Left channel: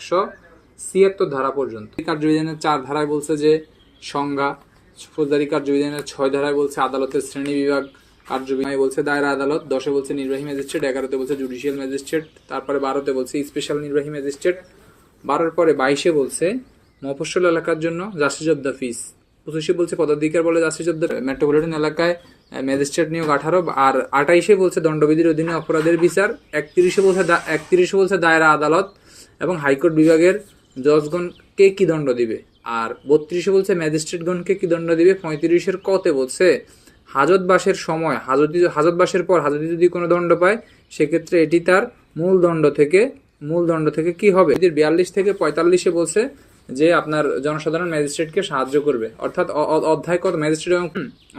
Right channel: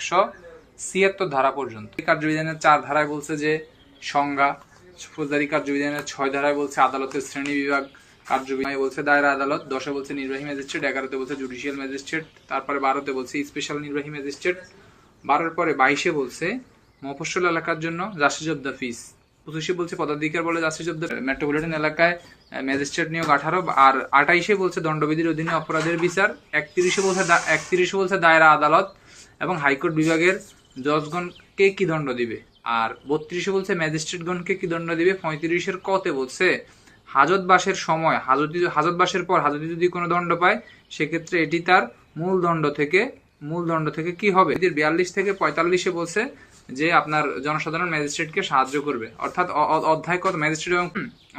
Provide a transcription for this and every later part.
176 ধারা পর্যন্ত। কার্যবিধানের 4 ধারায় বলছে যে সংজ্ঞা, ফৌজদারি কার্যবিধানের 6 ধারায় বলছে আদালতের শ্রেণী বিভাগ, কার্যবিধানে বলছে দায়রা আদালত, 10-এ বলছে নির্বাহী ম্যাজিস্ট্রেট, 11-তে বলছে জুডিশিয়াল ম্যাজিস্ট্রেট, তারপরে 12-তে বলছে স্পেশাল নির্বাহী ম্যাজিস্ট্রেট, 12-এর পরে 22-এ বলছে মফস্বল এলাকার জন্য জাস্টিস অব দ্য পিস, 25-এ বলছে পদাধিকার বলে জাস্টিস অব দ্য মেট্রোপলিটন এলাকায় ম্যাজিস্ট্রেট নিয়োগ 18, আর 28-এ বলছে দণ্ডবিধির অধীনে অপরাধের বিচার, 31-এ বলছে দায়রা আদালত এবং হাইকোর্ট বিভাগের জজগণকে কি দণ্ড দিবে, আর 32-এ বলছে ম্যাজিস্ট্রেটগণকে কি দণ্ড দিবে, 35-এর কতে বলছে হাজতবাসের সময় হাজতবাসের পর হাজতে যদি কোনো দণ্ড পায় সেক্ষেত্রে এটি তার মূল দণ্ড থেকে কি হবে। 42 থেকে 45-এ বলছে যে আপনার জনসাধারণ ম্যাজিস্ট্রেটকে সাহায্য করবে, অর্থাৎ অধ্যায় কত ম্যাজিস্ট্রেট এবং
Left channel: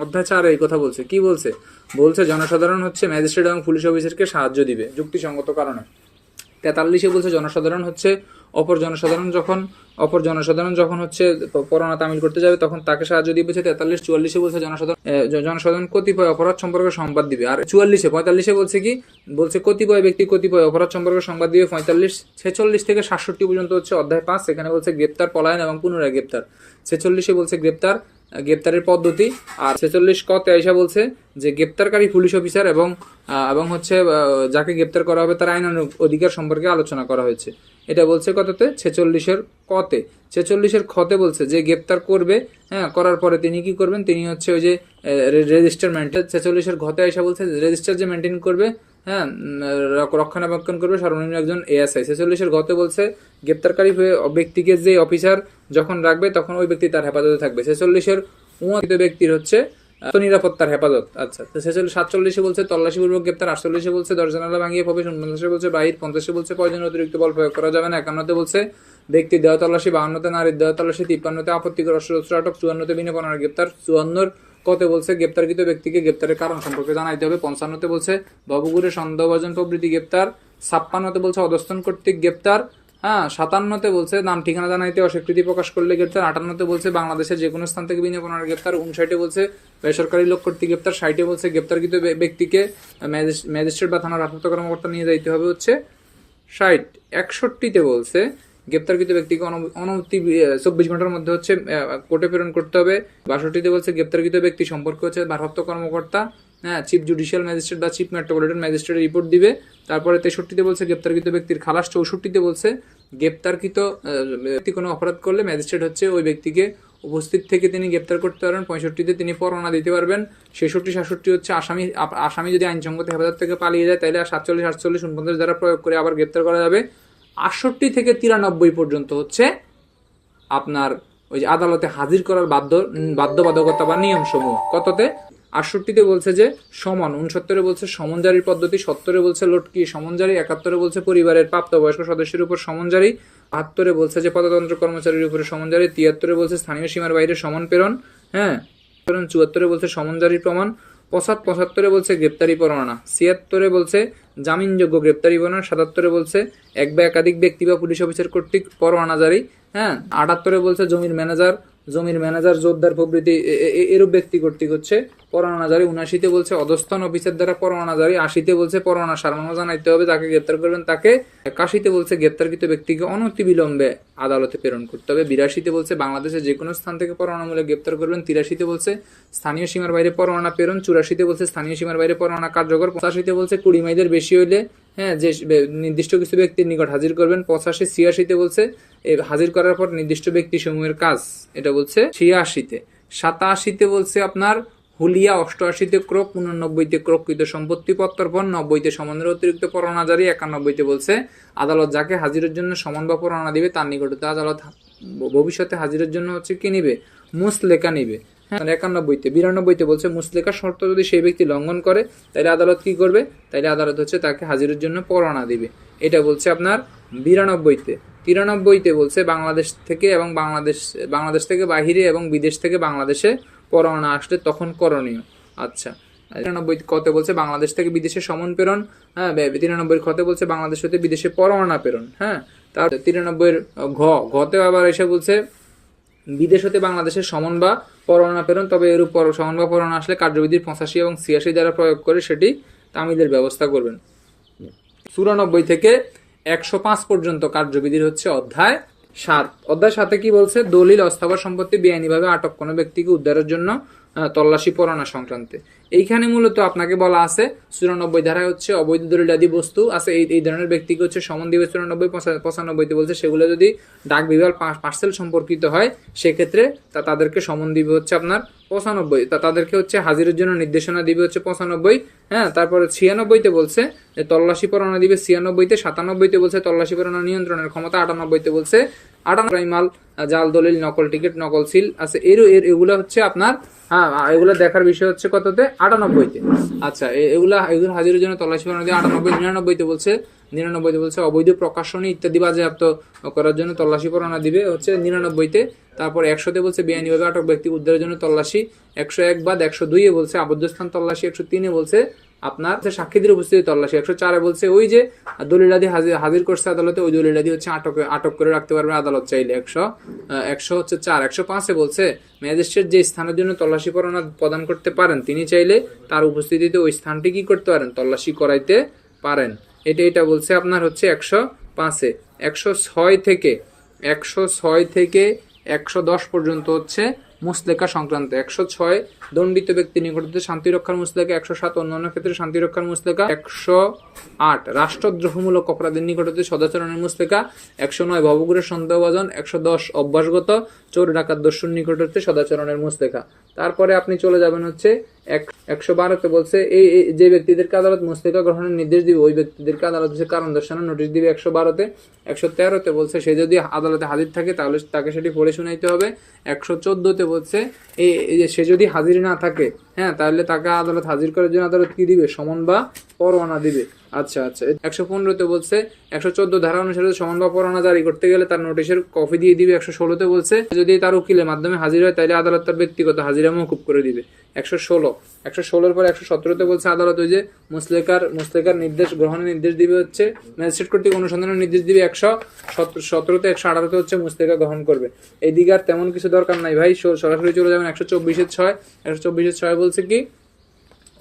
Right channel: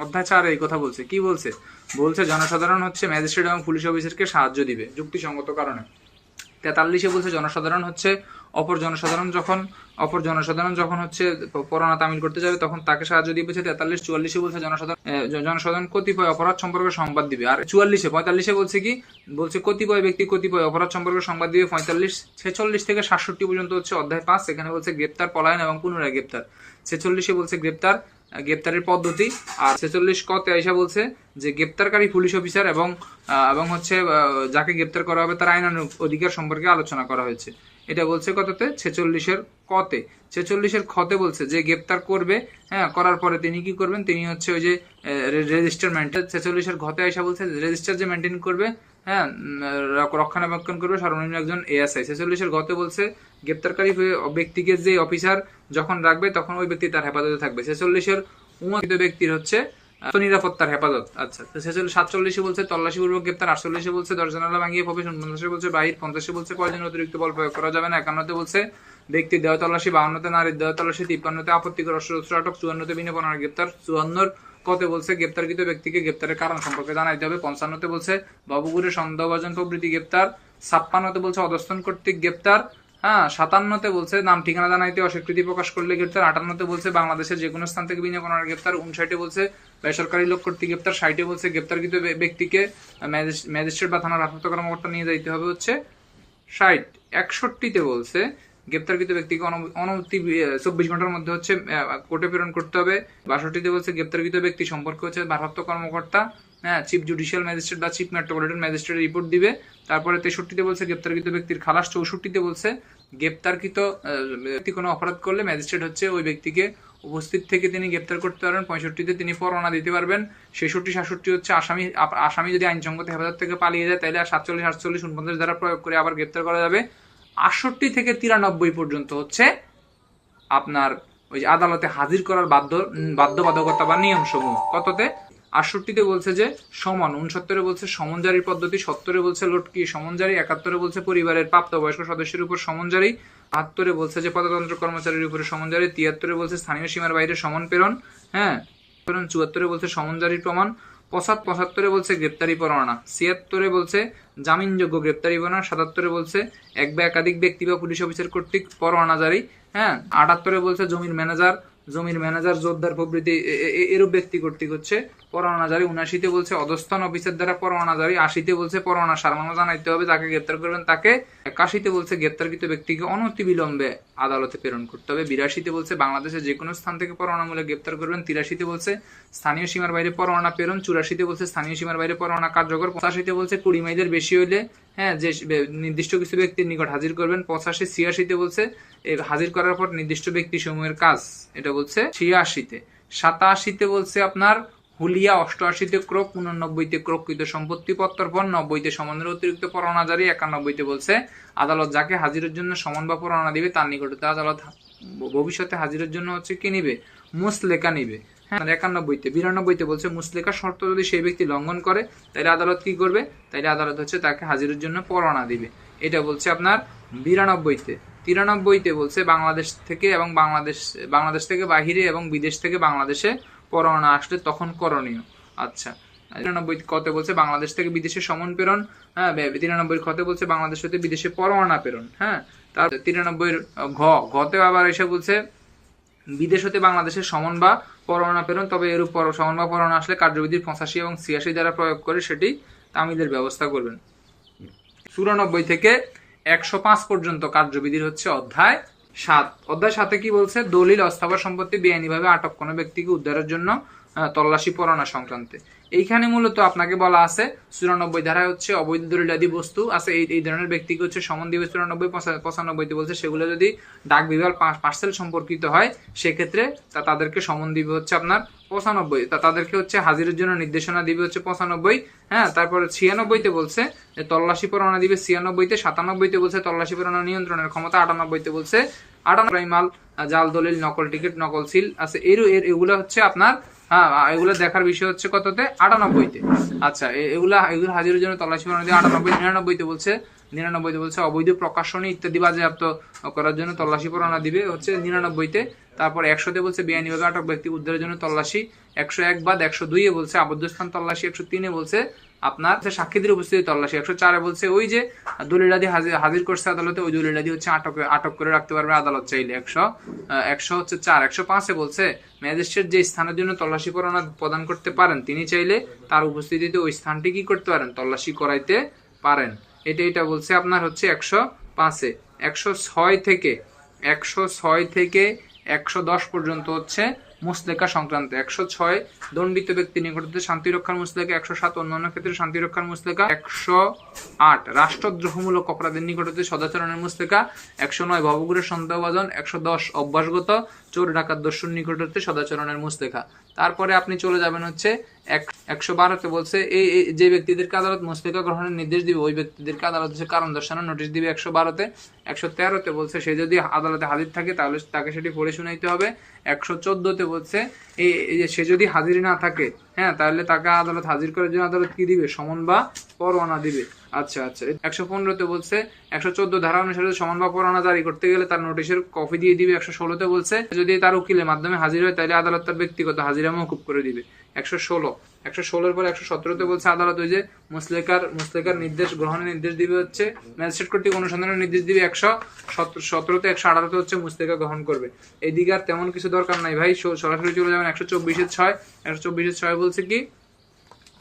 অধ্যায় 4 এই কথা বলছে। কি বলছে জনসাধারণ হচ্ছে ম্যাজিস্ট্রেট এবং পুলিশ অফিসারকে সাহায্য দিবে যুক্তিসঙ্গত কারণে। 43-এ বলছে জনসাধারণ হচ্ছে অপর জনসাধারণ যখন হচ্ছে পরোয়ানা তামিল করতে যাবে তখন তাকে সাহায্য দিবে। 43-44-এ বলছে জনসাধারণ কতিপয় অপরাধ সম্পর্কে সংবাদ দিবে। আর 45-এ বলছে কতিপয় ব্যক্তি কতিপয় অপরাধ সম্পর্কে সংবাদ দিবে। 46 থেকে 67 পর্যন্ত হচ্ছে অধ্যায় 5, এখানে বলছে গ্রেপ্তার, পলায়ন এবং পুনরায় গ্রেপ্তার। 46-এ বলছে গ্রেপ্তারের পদ্ধতি, আর 46 কতে আইসা বলছে যে গ্রেপ্তারকারী পুলিশ অফিসার এবং হচ্ছে যাকে গ্রেপ্তার করা হবে তার আইনানুগ অধিকার সম্পর্কে আলোচনা করা হয়েছে। এটা বলছে কততে 46-এর কতে। 46-এর খতে বলছে যে গ্রেপ্তার করবে, করার পরে তিনি কি করবেন, তিনি হচ্ছে ওই যে রেজিস্টার মেনটেন। 46-এর ঘতে আইসা বলছে রেজিস্টার যে মেনটেন করবে, রক্ষণাবেক্ষণ করবে সর্বনিম্ন একজন এএসআই। 46-এর ঘতে বলছে গ্রেপ্তারকারী ব্যক্তিকে যে অফিসার যখন রাখবে তখন ওই ব্যক্তি তার হেফাজতে থাকবে। 46-এর ব্যক্তির হচ্ছে নিরাপত্তার হেফাজত। আচ্ছা, 47-এ বলছে তল্লাশিপূর্বক গ্রেপ্তার, 48-এ বলছে দরজা-জানালা ভাঙিয়ে প্রবেশ, 49-এ বলছে বাহির, 50-এ বলছে প্রয়োজনীয় অতিরিক্ত বল প্রয়োগ করা যাবে না, 51-তে বলছে ব্যক্তি দেহ তল্লাশি, 52-তে নারীর দেহ তল্লাশি, 53-তে আপত্তিকর অস্ত্র আটক, 54-তে বিনা পণার গ্রেপ্তার, 54-র কতে বলছে গ্রেপ্তারকৃত ব্যক্তিকে গ্রেপ্তারের কারণ সম্পর্কে জানাইতে হবে, 55-তে বলছে ভবঘুরে সন্দেহভাজন প্রভৃতি গ্রেপ্তার, 56-তে বলছে অধস্তন কর্তৃক গ্রেপ্তার, 57-তে বলছে নাম ঠিকানা জানাইতে অস্বীকৃতি প্রকাশ করলে গ্রেপ্তার, 58-তে বলছে বাংলাদেশের যে কোনো স্থান থেকে বিনা পণার গ্রেপ্তার, 59-এ বলছে বেসরকারি লোক কর্তৃক গ্রেপ্তার, 60-এ বলছে গ্রেপ্তারকৃত ব্যক্তিকে ম্যাজিস্ট্রেট বা থানার ভারপ্রাপ্ত কর্মকর্তা নিয়ে যাইতে হবে হচ্ছে 60। 61-তে বলছে গ্রেপ্তারকৃত ব্যক্তিকে অনতি 24 ঘন্টার মধ্যে হচ্ছে কোর্টে প্রেরণ করতে হবে। 62-তে বলছে গ্রেপ্তারকৃত ব্যক্তি সম্পর্কে হচ্ছে ভারপ্রাপ্ত কর্মকর্তা চিফ জুডিশিয়াল ম্যাজিস্ট্রেট বা চিফ মেট্রোপলিটন ম্যাজিস্ট্রেটের রিপোর্ট দিবে। তারপরে 63-তে বলছে গ্রেপ্তারকৃত ব্যক্তির খালাস। 64-তে বলছে গ্রেপ্তারকৃত ব্যক্তি কোনো অপরাধ করলে ম্যাজিস্ট্রেট হচ্ছে ওই ব্যক্তিকে উপস্থিত থেকে তিনি গ্রেপ্তার করতে পারবেন। 65-তে তিনি পরোয়ানা দিতে পারবেন। 66, 67 হচ্ছে আসামি যদি আইনসঙ্গত হেফাজত থেকে পালিয়ে যায় তাহলে 47, 48, 49 দ্বারা প্রয়োগ করে আবার গ্রেপ্তার করা যাবে। 68 থেকে 93 পর্যন্ত হচ্ছে আপনার ওই যে আদালতে হাজির করার বাধ্যবাধকতা বা নিয়ম সমূহ। কততে 68-তে বলছে যে সমন, 69-এ বলছে সমন জারির পদ্ধতি, 70-এ বলছে লটকি সমন জারি, 71-এ বলছে পরিবারের প্রাপ্তবয়স্ক সদস্যের উপর সমন জারি, 72-এ বলছে যে পদতন্ত্র কর্মচারীর উপরে সমন জারি, 73-এ বলছে স্থানীয় সীমার বাইরে সমন প্রেরণ, 74-এ বলছে সমন জারির প্রমাণ, 75-এ বলছে গ্রেপ্তারি পরোয়ানা, 76-এ বলছে জামিনযোগ্য গ্রেপ্তারি পরোয়ানা, 77-এ বলছে এক বা একাধিক ব্যক্তি বা পুলিশ অফিসার কর্তৃক পরোয়ানা জারি, 78-এ বলছে জমির ম্যানেজার জোরদার প্রভৃতি এরূপ ব্যক্তি কর্তৃক হচ্ছে পরোয়ানা জারি, 79-তে বলছে অধস্তন অফিসার দ্বারা পরোয়ানা জারি, 80-তে বলছে পরোয়ানা সারমানো জানাইতে হবে যাকে গ্রেপ্তার করবেন তাকে, 81-তে বলছে গ্রেপ্তারকৃত ব্যক্তিকে অনতি বিলম্বে আদালতে প্রেরণ করতে হবে, 82-তে বলছে বাংলাদেশের যে কোনো স্থান থেকে পরোয়ানামূলক গ্রেপ্তার করবেন, 83-তে বলছে স্থানীয় সীমার বাইরে পরোয়ানা প্রেরণ, 84-তে বলছে স্থানীয় সীমার বাইরে পরোয়ানা কার্যকর, 85-তে বলছে 20 মাইলের বেশি হইলে যে নির্দিষ্ট কিছু ব্যক্তির নিকট হাজির করবেন, 85, 86-তে বলছে হাজির করার পর নির্দিষ্ট ব্যক্তি সমূহের কাজ, এটা বলছে 86-তে। 87-তে বলছে আপনার হুলিয়া, 88-তে ক্রোক, 89-তে ক্রোককৃত সম্পত্তি প্রত্যর্পণ, 90-তে সমনের অতিরিক্ত পরোয়ানা জারি, 91-তে বলছে আদালত যাকে হাজিরের জন্য সমন বা পরোয়ানা দিবে তার নিকটতে আদালত ভবিষ্যতে হাজিরের জন্য হচ্ছে কি নিবে, মুসলেকা নিবে। 91-তে 92-তে বলছে মুসলেকা শর্ত যদি সেই ব্যক্তি লঙ্ঘন করে তাইলে আদালত কি করবে, তাইলে আদালত হচ্ছে তাকে হাজিরের জন্য পরোয়ানা দিবে। এটা বলছে আপনার 92-তে। 93-তে বলছে বাংলাদেশ থেকে এবং বাংলাদেশ থেকে বাহিরে এবং বিদেশ থেকে বাংলাদেশে পরোয়ানা আসলে তখন করণীয়। আচ্ছা, 93 কতে বলছে বাংলাদেশ থেকে বিদেশে সমন প্রেরণ, 93 খতে বলছে বাংলাদেশ হতে বিদেশে পরোয়ানা প্রেরণ। তার 93 ঘতে আবার এসে বলছে বিদেশ হতে বাংলাদেশের সমন বা পরোয়ানা প্রেরণ, তবে এরূপ সমন বা পরোয়ানা আসলে কার্যবিধির 85 এবং 86 দ্বারা প্রয়োগ করে সেটি তামিলের ব্যবস্থা করবেন। 94 থেকে 105 পর্যন্ত কার্যবিধির হচ্ছে অধ্যায় 7। অধ্যায় 7-এ কি বলছে? দলিল, অস্থাবর সম্পত্তি বেআইনিভাবে আটক কোনো ব্যক্তিকে উদ্ধারের জন্য তল্লাশি পরোয়ানা সংক্রান্তে। এইখানে মূলত আপনাকে বলা আছে 94 ধারায় হচ্ছে অবৈধ দলিলাদি বস্তু আছে, এই ধরনের ব্যক্তিকে হচ্ছে সমন দিবে 94, 95 বলছে সেগুলো যদি ডাক বিভাগ পার্সেল সম্পর্কিত হয় সেক্ষেত্রে তাদেরকে সমন দিবে হচ্ছে আপনার 95, তাদেরকে হচ্ছে হাজিরের জন্য নির্দেশনা দিবে হচ্ছে 95। হ্যাঁ, তারপরে 96-তে বলছে যে তল্লাশি পরোয়ানা দিবে 96-তে। 97-তে বলছে তল্লাশি পরোয়ানা নিয়ন্ত্রণের ক্ষমতা। 98-তে বলছে 98 মাল, জাল দলিল, নকল টিকিট, নকল সিল আছে এগুলো হচ্ছে আপনার, হ্যাঁ এগুলো দেখার বিষয় হচ্ছে কততে? 98-তে। আচ্ছা, এগুলো হাজিরের জন্য তল্লাশি পরোয়ানা দিয়ে 98। 99-তে বলছে অবৈধ প্রকাশনী ইত্যাদি বাজেয়াপ্ত করার জন্য তল্লাশি পরোয়ানা দিবে হচ্ছে 99-তে। তারপর 100-তে বলছে বেআইনিভাবে আটক ব্যক্তি উদ্ধারের জন্য তল্লাশি। 101 বাদ। 102-এ বলছে আবদ্ধ স্থান তল্লাশি। 103-এ বলছে আপনার সাক্ষীদের উপস্থিতি তল্লাশি। 104-এ বলছে ওই যে দলিলাদি হাজির করছে আদালতে, ওই দলিলাদি হচ্ছে আটক করে রাখতে পারবে আদালত চাইলে। 104। 105-এ বলছে ম্যাজিস্ট্রেট যে স্থানের জন্য তল্লাশি পরোয়ানা প্রদান করতে পারেন তিনি চাইলে তার উপস্থিতিতে ওই স্থানটি কি করতে পারেন? তল্লাশি করাইতে পারেন। এটা বলছে আপনার হচ্ছে 105-এ। 106 থেকে 110 পর্যন্ত হচ্ছে মুসলেকা সংক্রান্ত। 106 দণ্ডিত ব্যক্তির নিকট হতে শান্তি রক্ষার মুসলেকা। 107 অন্যান্য ক্ষেত্রে শান্তি রক্ষার মুসলেকা। 108 রাষ্ট্রদ্রোহমূলক অপরাধের নিকট হতে সদাচরণের মুসলেকা। 109 ভবঘুরের সন্দেহভাজন। 110 অভ্যাসগত চোর ডাকাত দস্যুর নিকট হতে সদাচরণের মুসলেকা। তারপরে আপনি চলে যাবেন হচ্ছে 112-তে বলছে এই যে ব্যক্তিদেরকে আদালত মুসলেকা গ্রহণের নির্দেশ দিবে ওই ব্যক্তিদেরকে আদালত হচ্ছে কারণ দর্শানোর নোটিশ দিবে। 112-তে। 113-তে বলছে সে যদি আদালতে হাজির থাকে তাহলে তাকে সেটি পড়ে শুনাইতে হবে। 114-তে বলছে এই যে সে যদি হাজির না থাকে, হ্যাঁ, তাহলে তাকে আদালত হাজির করার জন্য আদালত কি দিবে? সমন বা পরোয়ানা দিবে। আচ্ছা। 115-তে বলছে 114 ধারা অনুসারে সমন বা পরোয়ানা জারি করতে গেলে তার নোটিশের কপি দিয়ে দিবে। 116-তে বলছে যদি তার উকিলের মাধ্যমে হাজির হয় তাহলে আদালত তার ব্যক্তিগত হাজিরা মওকুফ করে দিবে। 116-এর পর 117-তে বলছে আদালত ওই যে মুসলেকার নির্দেশ গ্রহণের নির্দেশ দিবে হচ্ছে ম্যাজিস্ট্রেট কর্তৃক অনুসন্ধানের নির্দেশ দিবে। 117-তে 118-তে হচ্ছে মুসলেকা গ্রহণ করবে। এইদিকে আর তেমন কিছু দরকার নাই ভাই, সরাসরি চলে যাবেন 124-6। 124-6 বলছে কি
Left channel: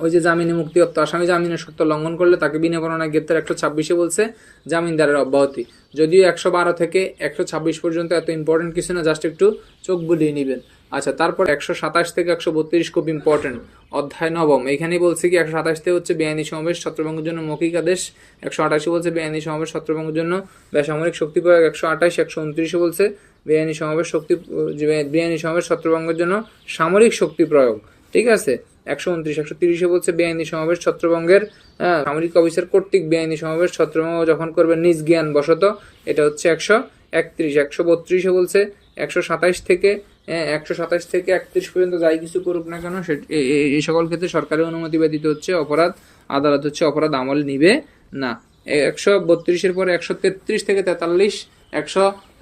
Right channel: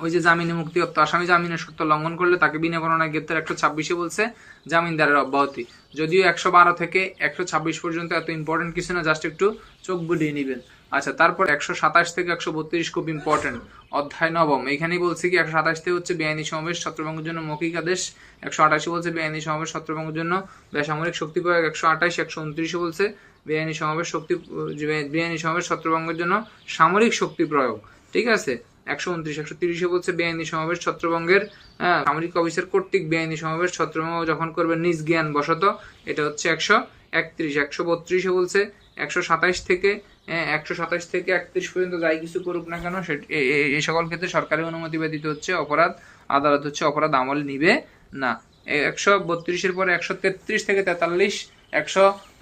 ওই যে জামিনে মুক্তিপ্রাপ্ত আসামি জামিনের শর্ত লঙ্ঘন করলে তাকে বিনা পরোয়ানায় গ্রেপ্তার। 126-এ বলছে জামিনদারের অব্যাহতি। যদিও 112 থেকে 126 পর্যন্ত এত ইম্পর্টেন্ট কিছু না, জাস্ট একটু চোখ বুলিয়ে নেবেন। আচ্ছা, তারপর 127 থেকে 132 খুব ইম্পর্টেন্ট, অধ্যায় 9। এখানেই বলছে কি 127-তে হচ্ছে বেআইনি সমাবেশ ছত্রভঙ্গের জন্য মৌখিক আদেশ। 128-এ বলছে বেআইনি সমাবেশ ছত্রভঙ্গের জন্য বেসামরিক শক্তি প্রয়োগ। 128। 129-এ বলছে বেআইনি সমাবেশ ছত্রভঙ্গের জন্য সামরিক শক্তি প্রয়োগ। ঠিক আছে। 129। 130-এ বলছে বেআইনি সমাবেশ ছত্রভঙ্গের সামরিক অফিসার কর্তৃক বেআইনি সমাবেশ ছত্রভঙ্গ যখন করবে নিজ জ্ঞান বশত, এটা হচ্ছে 131। 132-এ বলছে 127 থেকে 31 পর্যন্ত যাই কিছু করুক না কেন এই সকল ক্ষেত্রে সরকারি অনুমতি ব্যতীত হচ্ছে আদালত হচ্ছে অপরাধ আমল নিবে না। 132-এর পরে 133 থেকে 43,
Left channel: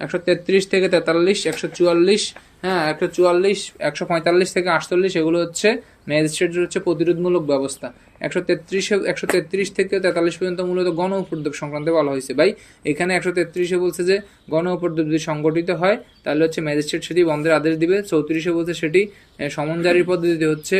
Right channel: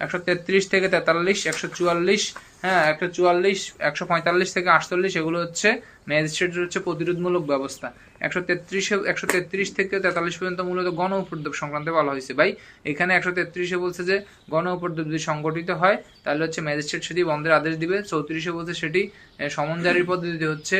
133 থেকে 43, 144, হ্যাঁ 144, 145 থেকে 48 এগুলো হচ্ছে ম্যাজিস্ট্রেটের হচ্ছে প্রতিরোধমূলক ব্যবস্থা। 133 থেকে 43 পর্যন্ত মূলত গণ উপদ্রব সংক্রান্ত বলা হয়েছে ভাই। এখানে 133-এ বলছে যে গণ উপদ্রব যদি সংগঠিত হয় তাহলে হচ্ছে ম্যাজিস্ট্রেট সেটি বন্ধের আদেশ দিবে। 34-এ বলছে সেটি সমন জারির পদ্ধতিতে হচ্ছে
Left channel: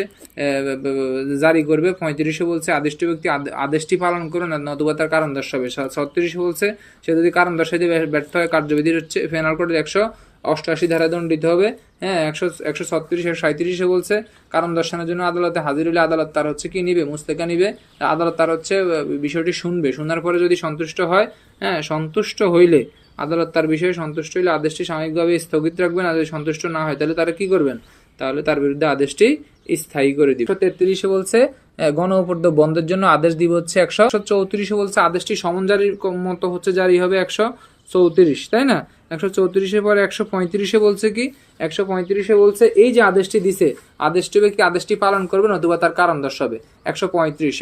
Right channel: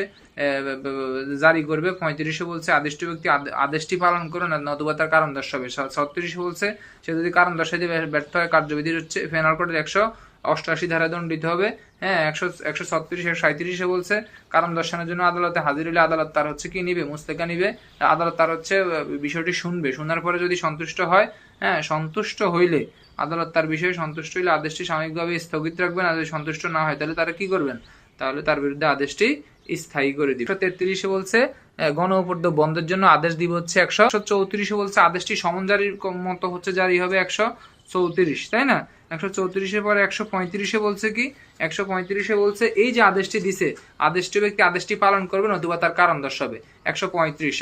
জারি করবে। 35-এ বলছে আদিষ্ট ব্যক্তি আদেশটি পালন করুন নতুবা তার কারণ দর্শাবে। 36-এ বলছে সে যদি কারণ দর্শাইতে ব্যর্থ হয় কার্যবিধির হচ্ছে পেনাল কোডের 188 ধারা দণ্ডিত হবে। হ্যাঁ, 136, 137-এ বলছে কারণ দর্শানোর জন্য আদালতে হাজির হলে আদালত তার হচ্ছে কি নিবে? মুসলেকা নিবে। আদালত তার হচ্ছে বিষয়টি শুনবে, শোনার পরে যদি সন্তুষ্ট হয়, হ্যাঁ সন্তুষ্ট হইলে আদালত তার বিষয়ে সন্তুষ্ট হইলে আদেশটি সাময়িকভাবে স্থগিত রাখবেন। আর যদি সন্তুষ্ট না হয় তাহলে তারা কি করবেন? তাহলে তার বিরুদ্ধে আদেশটি স্থায়ী করে দিবে। 133-এ বলছে গণ উপদ্রব বন্ধের জন্য আদেশ দিব হচ্ছে 134-এ বলছে আদেশটি সমন জারির মতো হচ্ছে জারি হবে 134, তাই না? 134-এর পরে 135-এ বলছে কি 135-এ বলছে এই যে আদেশটি দিছে আদেশটি ব্যক্তি আদেশটি পালন করবে নতুবা তার কারণ দর্শাবে। 135।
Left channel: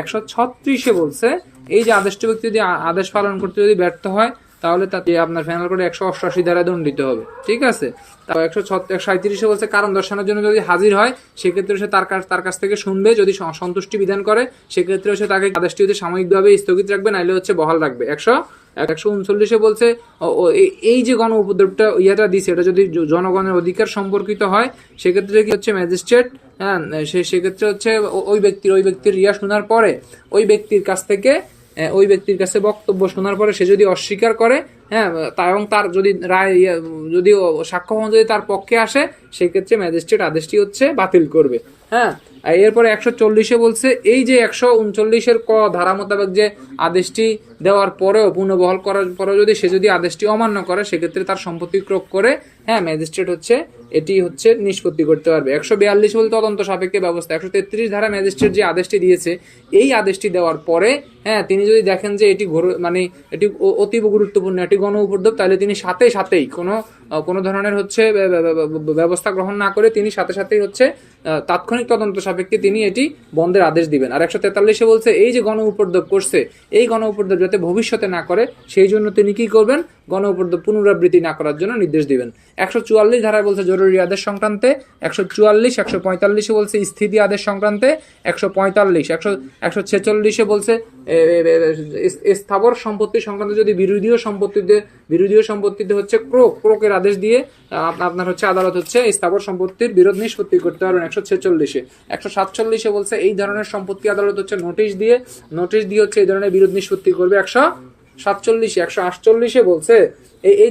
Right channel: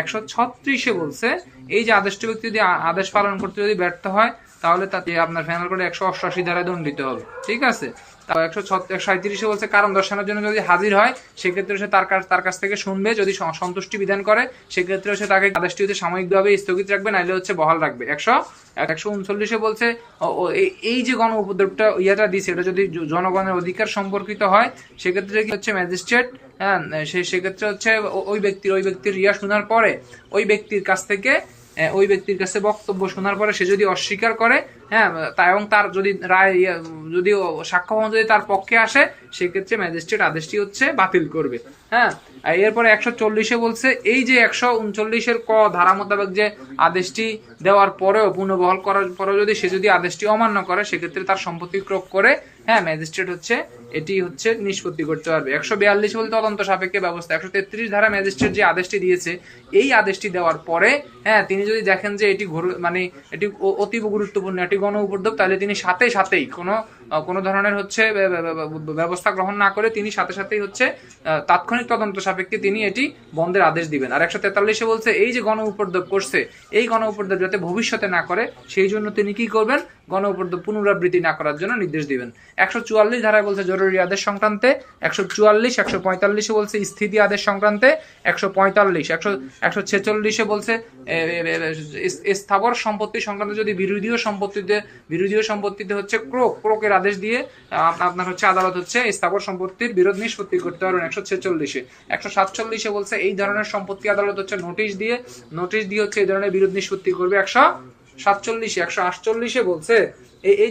136-এ বলছে এই যে আদেশটি ব্যক্তি যদি আদেশ পালন করতে যদি ব্যর্থ হয় তাহলে তাকে আপনার ফাইনাল করে 188 ধারায় দণ্ডিত হবে। ঠিক আছে। 137-এ বলছে কারণ দর্শানোর জন্য যদি হাজির হয় সেক্ষেত্রে সে তার কাছ থেকে শুনবে, যদি সন্তুষ্টি বিধান করে সেক্ষেত্রে সে তাকে আদেশটি হচ্ছে সাময়িকভাবে স্থগিত রাখবে, নাইলে হচ্ছে বহাল রাখবে। 139-এ বলছে এই যে গণ উপদ্রবটা ইয়েটা দিছে এটা যদি জনগণের অধিকার সম্পর্কিত হয় সেক্ষেত্রে কি হচ্ছে ম্যাজিস্ট্রেট, হ্যাঁ সেক্ষেত্রে হচ্ছে ওই ব্যক্তির রিয়া শোনার পরে ওই ব্যক্তির কাছ থেকে ওই ব্যক্তির কাছে বক্তব্য শোনার পরে সে যদি অস্বীকার করে, হ্যাঁ, এবং তার যদি রায় যদি সাক্ষ্য প্রমাণ যদি তার পক্ষে আসে, সেক্ষেত্রে ম্যাজিস্ট্রেট আদেশটি হচ্ছে বাতিল করবে। হ্যাঁ, এরপরে 140-এ বলছে এই যে 139-এর ক ধারা মোতাবেক যে আদেশটি দেওয়ার পরেও পুনর্বহাল করার পরেও যদি সে যদি আদেশটি অমান্য করে, সেক্ষেত্রে তার সম্পত্তি ক্রোক করে, হ্যাঁ, ম্যাজিস্ট্রেট হচ্ছে এটি হচ্ছে নিষ্পত্তি করতে পারবে। 142 বলতে তদন্ত সাপেক্ষে ব্যবস্থা। 133 ধারা ম্যাজিস্ট্রেট যে আদেশটি দিয়েছে, এই আদেশটি দেওয়ার পরে, হ্যাঁ, তিনি যদি দেখেন যে এটি মানে এটি অতীব গুরুত্বপূর্ণ, এটি গণ উপদ্রব, তাহলে তিনি সাথেই কোনো ধরনের হচ্ছে ব্যবস্থা গ্রহণ না করে তিনি সাথেই হচ্ছে তাৎক্ষণিক তদন্ত সাপেক্ষে তিনি এটি বন্ধের আদেশ দিবেন। আর 143-এ বলছে এই যে গণ উপদ্রব করছে, এই গণ উপদ্রব যাতে ভবিষ্যতে না করে, সেই জন্য তিনি কি করবেন, গণ উপদ্রব পুনরাবৃত্তি না করার জন্য নির্দেশ দিবেন। 144 ধারায় বলছে জরুরি আদেশ সংক্রান্তে, 144, 145-এ বলছে স্থিতি আদেশ সংক্রান্তে, 145, 146-এ বলছে স্থাবর সম্পত্তি সংক্রান্ত যদি বিরোধীয় সম্পত্তিতে হচ্ছে ক্রোকের আদেশ দিয়ে আপনার হচ্ছে আদালত হচ্ছে স্থাবর সম্পত্তির বিরোধ নিষ্পত্তি করতে পারবেন। 146-এ 147-এ বলছে এই ধরনের সম্পত্তি আদালত হচ্ছে নোটিশ দিয়ে হচ্ছে এই ধরনের বিরোধ নিষ্পত্তি করবে। 147, 148-এ বলছে এই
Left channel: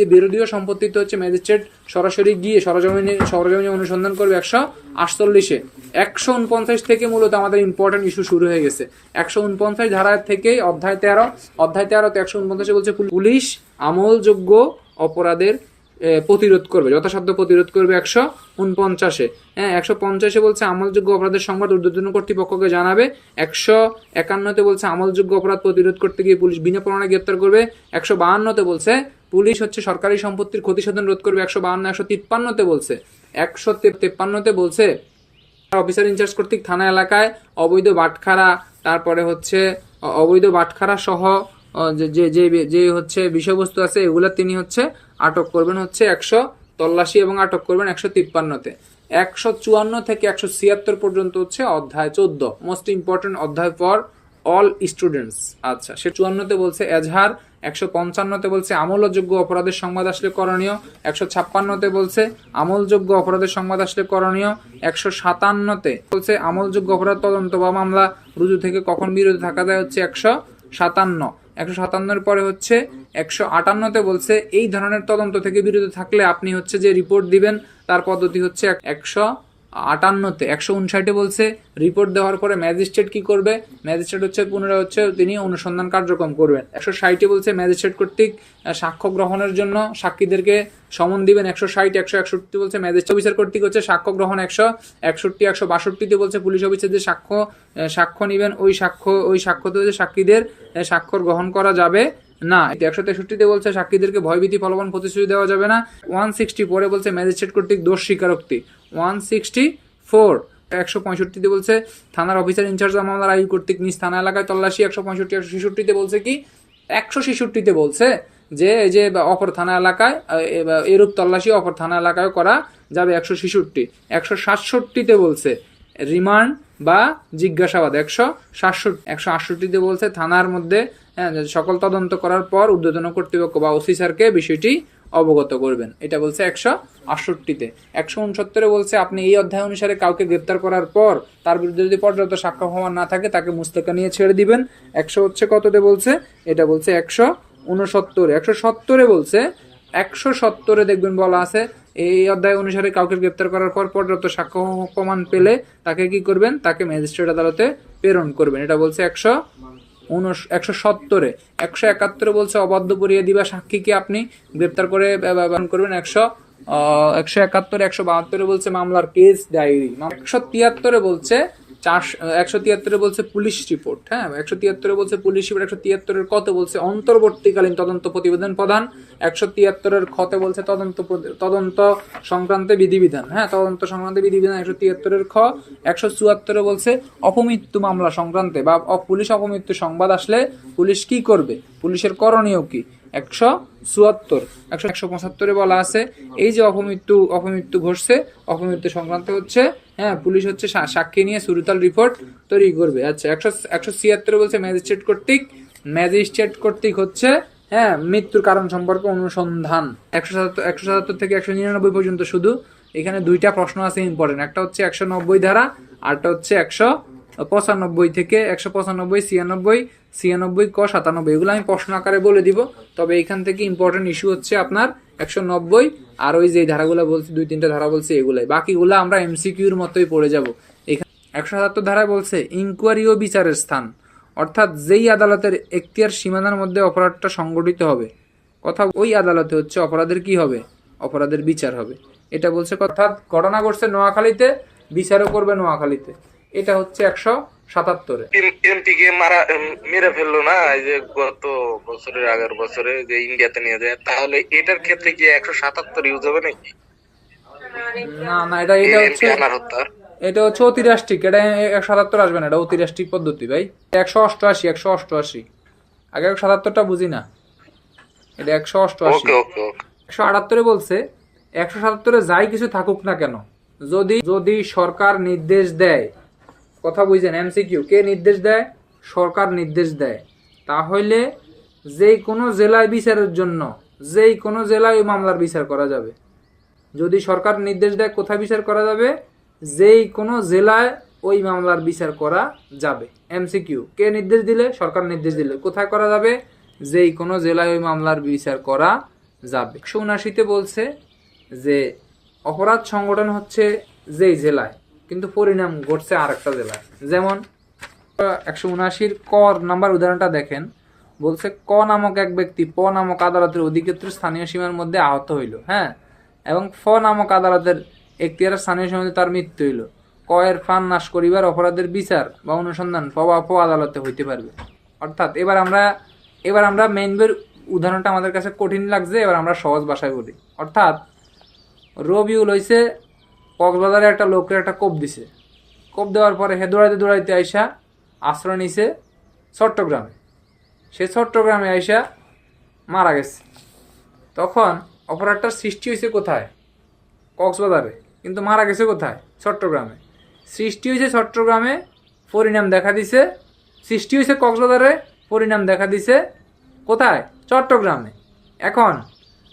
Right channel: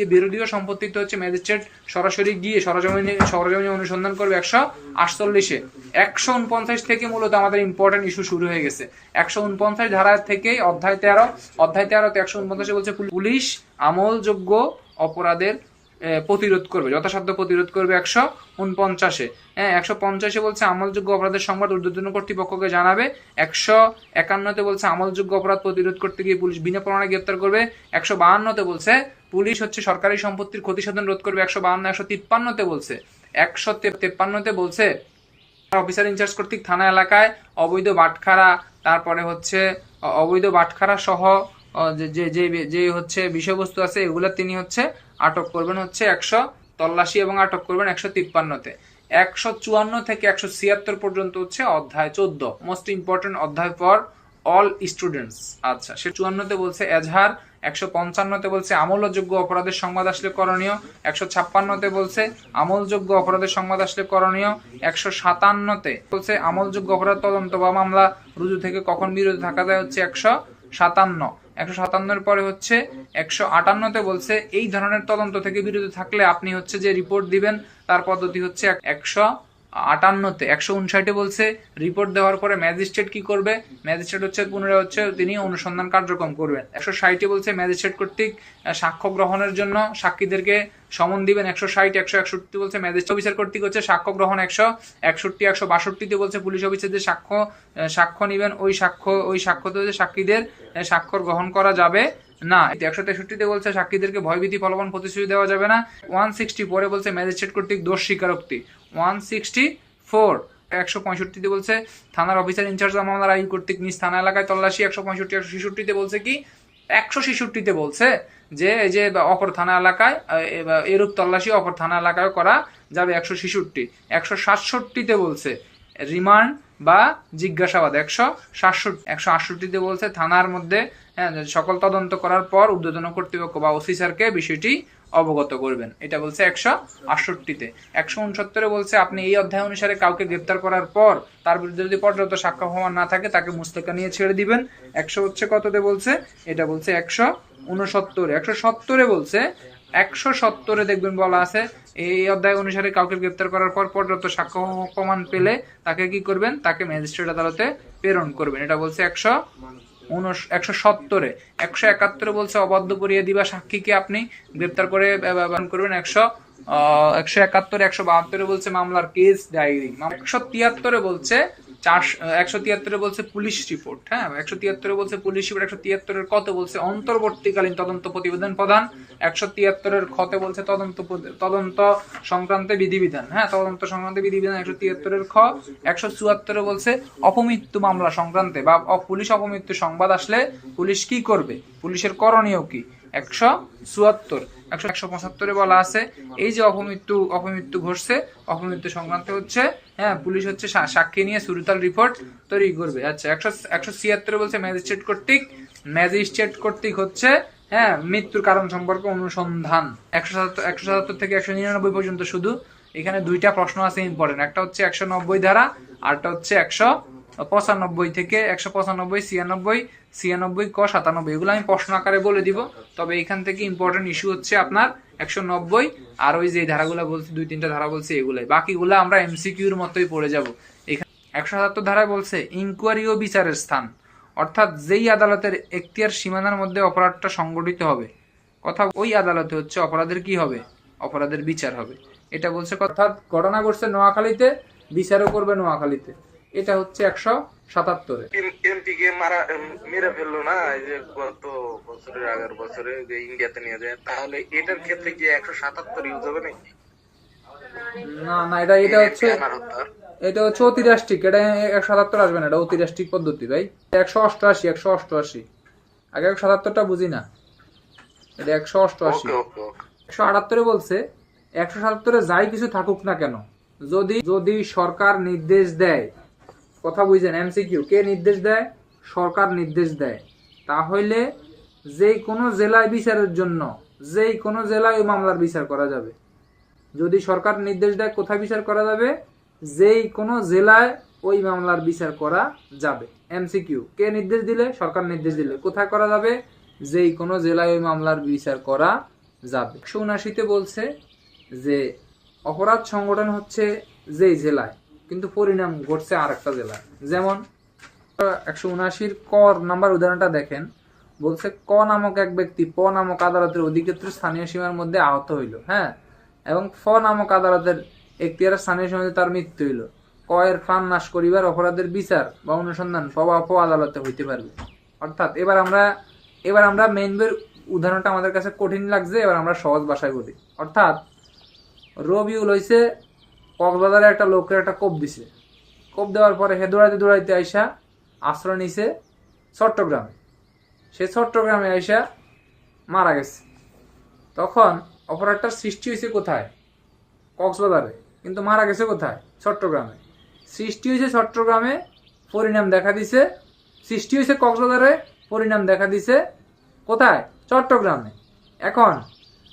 যে বিরোধীয় সম্পত্তিতে হচ্ছে ম্যাজিস্ট্রেট সরাসরি গিয়ে সরজমিনে অনুসন্ধান করবে। 148-এ 149 থেকে মূলত আমাদের ইম্পর্টেন্ট ইস্যু শুরু হয়ে গেছে। 149 ধারা থেকে অধ্যায় 13তে 149-এ বলছে পুলিশ আমলযোগ্য অপরাধের প্রতিরোধ করবে, যথাসাধ্য প্রতিরোধ করবে। 149-এ, হ্যাঁ, 150-এ বলছে আমলযোগ্য অপরাধের সংবাদ ঊর্ধ্বতন কর্তৃপক্ষকে জানাবে। 151-তে বলছে আমলযোগ্য অপরাধ প্রতিরোধ করতে গিয়ে পুলিশ বিনা প্রমাণে গ্রেপ্তার করবে। 152-তে বলছে পুলিশ হচ্ছে সরকারি সম্পত্তির ক্ষতিসাধন রোধ করবে। 152, 153-তে বলছে 153-তে বলছে অফিসার ইনচার্জ কর্তৃক থানা এলাকায় অবৈধ বাটখারা সহ যে হচ্ছে বিষয়বস্তু আছে এগুলা তিনি হচ্ছে আটক করবেন হচ্ছে 100 তল্লাশি এবং আটক করবেন 153-তে। 154 থেকে 176 পর্যন্ত হচ্ছে অধ্যায় 14, মোস্ট ইম্পর্টেন্ট অধ্যায় ফর অল স্টুডেন্টস। আচ্ছা, সে 54-তে বলছে এজাহার। 155-তে বলছে আমলযোগ্য অপরাধের সংবাদ আসলে করণীয়। 156-তে বলছে আমলযোগ্য অপরাধের সংবাদ আসলে করণীয়। 157-তে বলছে আমলযোগ্য অপরাধ তদন্ত বা মামলা রুজু থেকে কখন বিরত থাকা যায় হচ্ছে 157। 157-এর পরে হচ্ছে 158-তে বলছে এই ধরনের তদন্ত থেকে বিরত থাকলে আপনি হচ্ছে যে রিপোর্ট দিবেন তার পদ্ধতি হচ্ছে 158-তে। 159-এ বলছে রিপোর্ট দেওয়ার পরে ম্যাজিস্ট্রেট কি করবে, ম্যাজিস্ট্রেট হচ্ছে পুনরায় হচ্ছে তিনি অনুসন্ধান কার্যক্রম করবেন। 160-এ বলছে ম্যাজিস্ট্রেট কর্তৃক সাক্ষ্য গ্রহণের জন্য সাক্ষীদেরকে সমন দিবেন। 160, 161 বলছে ম্যাজিস্ট্রেট অফিসার কর্তৃক হচ্ছে সাক্ষ্য গ্রহণ। 161, 162-তে বলছে পুলিশ অফিসার যে সাক্ষ্য নিবেন, ওই সাক্ষ্যতে হচ্ছে সাক্ষীদের স্বাক্ষর গ্রহণ করা যাবে না। 163-তে বলছে সাক্ষীদেরকে ভয়ভীতি প্রলোভন প্রতিশ্রুতি দেওয়া যাবে না। 164-এ বলছে ম্যাজিস্ট্রেট কর্তৃক দোষ স্বীকারোক্তি। 164, 165-তে বলছে থানার অফিসার ইনচার্জ মামলার আইন কর্তৃক নিজ থানা এলাকায় তল্লাশি। 165, 166-তে বলছে কি, 166-তে বলছে যে এই যে অপর থানা এলাকায় এরূপ তল্লাশি অপর থানা এলাকায় করা যাবে। 166, 167-তে বলছে রিমান্ড বা জিজ্ঞাসাবাদ। 168-তে বলছে থানার মধ্যে সকল তদন্ত করার পর ঊর্ধ্বতন কর্তৃপক্ষ বা ওসি স্যারকে বিষয়টি অবগত করবেন। এটা বলছে 168-তে। 169-এ বলছে আপনি এই অধ্যায় অনুসারে কাউকে গ্রেপ্তার করার পর তার বিরুদ্ধে যদি পর্যাপ্ত সাক্ষ্য প্রমাণ না থাকে তাকে মুস্তাকা নিয়ে ছেড়ে দিবেন। 100 হচ্ছে কততে বলছে, এটা বলছে 169। 170-এ বলছে 170-এ দেখবেন বলা আছে এই অধ্যায় অনুসারে কাউকে গ্রেপ্তার করার পর পর্যাপ্ত সাক্ষ্য প্রমাণ পেলে তাকে কি করবেন, তাকে ম্যাজিস্ট্রেট আদালতে প্রেরণ করবেন। এটা বলছে 170-এ। 171-এ বলছে অবাধ্য করিয়ে দিবা সাক্ষীকে আপনি গ্রেপ্তার করে ব্যবহার করবেন। 171, 172-এ বলছে মামলার কেস ডায়েরি। 173-এ বলছে 173-এ বলছে পুলিশ রিপোর্ট। হ্যাঁ, 173-এ বলছে পুলিশ রিপোর্ট। 173-এর কত বলছে অন্তর্বর্তীকালীন তদন্ত প্রতিবেদন প্রদান। 173-এর খতে বলছে তদন্ত সংক্রান্ত বিধিবিধান। হ্যাঁ, তদন্ত সংক্রান্ত বিধিবিধান 173-এর খ। 174-এ বলছে অপমৃত্যু মামলা সংক্রান্তে বা পুলিশ অপমৃত্যু সংবাদ আসলে পুলিশ কি করবে, পুলিশের করণীয় কি। 174, 175-এ বলা আছে এই যে অপমৃত্যু ঘটছে, অপমৃত্যু সংক্রান্ত হচ্ছে হ্যাঁ পুলিশ হচ্ছে সাক্ষী নিয়ে সুরতাল রিপোর্ট তৈরি করবে। আচ্ছা, 176-এ বলছে ম্যাজিস্ট্রেট কর্তৃক হচ্ছে হ্যাঁ মৃত্যুর কারণ সম্পর্কে অনুসন্ধান। 177 থেকে 199 পর্যন্ত শুধু এখানে দুইটা প্রশ্ন আছে ইম্পর্টেন্ট, একটা হচ্ছে 190 ধারা আরটা হচ্ছে 95 থেকে 195, 96, 96 ক 97, এগুলো আমি প্রশ্ন আকারে বলে দিব। তবে এখান থেকে ইম্পর্টেন্ট ইস্যু হচ্ছে আপনার 190 আর ওই যে ধারাগুলো বলছি, 2-3টা ধারা বলছি এগুলাই, বাকিগুলো আমরা এমসিকিউর মতোই পড়ে যাব। এখানে 177 ধারায় বলছে ইনকোয়ারি ও বিচারের স্থান, অর্থাৎ যেই আদালতের এখতিয়ার সীমানার মধ্যে অপরাধটা সংগঠিত হবে, কথা ওই আদালতে হচ্ছে অপরাধের কি হবে, অপরাধের বিচার হবে। এটা বলছে, অর্থাৎ ঘটনা ঘটছে নোয়াখালীতে, বিচারও করবে নোয়াখালীতে। এটা হচ্ছে 177-এ। এমপি কে মেরে ফেললো না, এই যে গত বছরের আগের বছরে যে ইন্ডিয়াতে নিয়ে যায়, তাহলে এটার ক্ষেত্রে কি 177 ইউজ হবে নাকি? না না, এটা হচ্ছে এটা হচ্ছে অতিরাষ্ট্রিক, এটা 177 আসবে না, এটা অতিরাষ্ট্রিক পদ্ধতি ভাই। 188, 188 আগে 177টা বুঝি না, এটা 188। 178-এ বলছে 177-এ যাই কিছু থাকুক না কেন, যদি সরকার নির্দেশ দেয়, কথা বুঝছেন, এমসিকিউ কে নির্দেশ দেয়, সরকার নির্দেশ দেয়, তাহলে যেই কোনো জেলায় বিচারের জন্য যেই কোনো জেলায় ওই মামলার বিচার করা যাবে। যদি সরকার নির্দেশ দেয় কোথায় বিচার করা যাবে, যেই কোনো জেলায় ওই মামলার বিচার করা যাবে। এমসিকিউ কে নির্দেশ দিলে, সরকার নির্দেশ দিলে কোথায় করা যাবে, যেই কোনো জেলায় ওই মামলার বিচার করা যাবে। 179-তে বলছে যে অপরাধ সংগঠন হচ্ছে যেই জেলায়, কিন্তু পরিণাম ঘটছে আরেকটা জেলায়। যেমন 179-র ক নাম্বার উদাহরণটা দেখেন, বলছে ক নামক এক ব্যক্তি প নামক আদালতের অধিক্ষেত্র স্থানীয় সীমার মধ্যে আহত হইল, হ্যাঁ, এবং ফ নামক আদালতের এখতিয়ারের স্থানীয় সীমায় তার মৃত্যু হইল। ক এর ফান নাশ করিবার অপরাধের বিচার বা অনুসন্ধান প বা প আদালতে হইতে পারবে। অর্থাৎ এবার আমরা মেইন বইয়ের উদাহরণটা আমাদের কাছে কঠিন লাগছে, এবার আমরা সহজ ভাষায় বলি। অর্থাৎ রবিউল হইছে কক্সবাজারে একটা লোকের একটা কোপ দিছে, কোপ দেওয়ার পরে হে দৌড়াইতে আইসা আশ্রয় নিছে চট্টগ্রামে। সে চট্টগ্রামে আইসা মারা গেছে। তখন অপরাধটার সৃষ্টি হয়েছে কোথায়, কক্সবাজারে, কিন্তু মারা গেছে কোথায়, চট্টগ্রামে। সৃষ্টি হয়েছে চট্টগ্রামে, পরিণাম দেখা দিছে, সৃষ্টি হয়েছে কক্সবাজারে, পরিণাম দেখা দিছে কোথায়, চট্টগ্রামে। এখন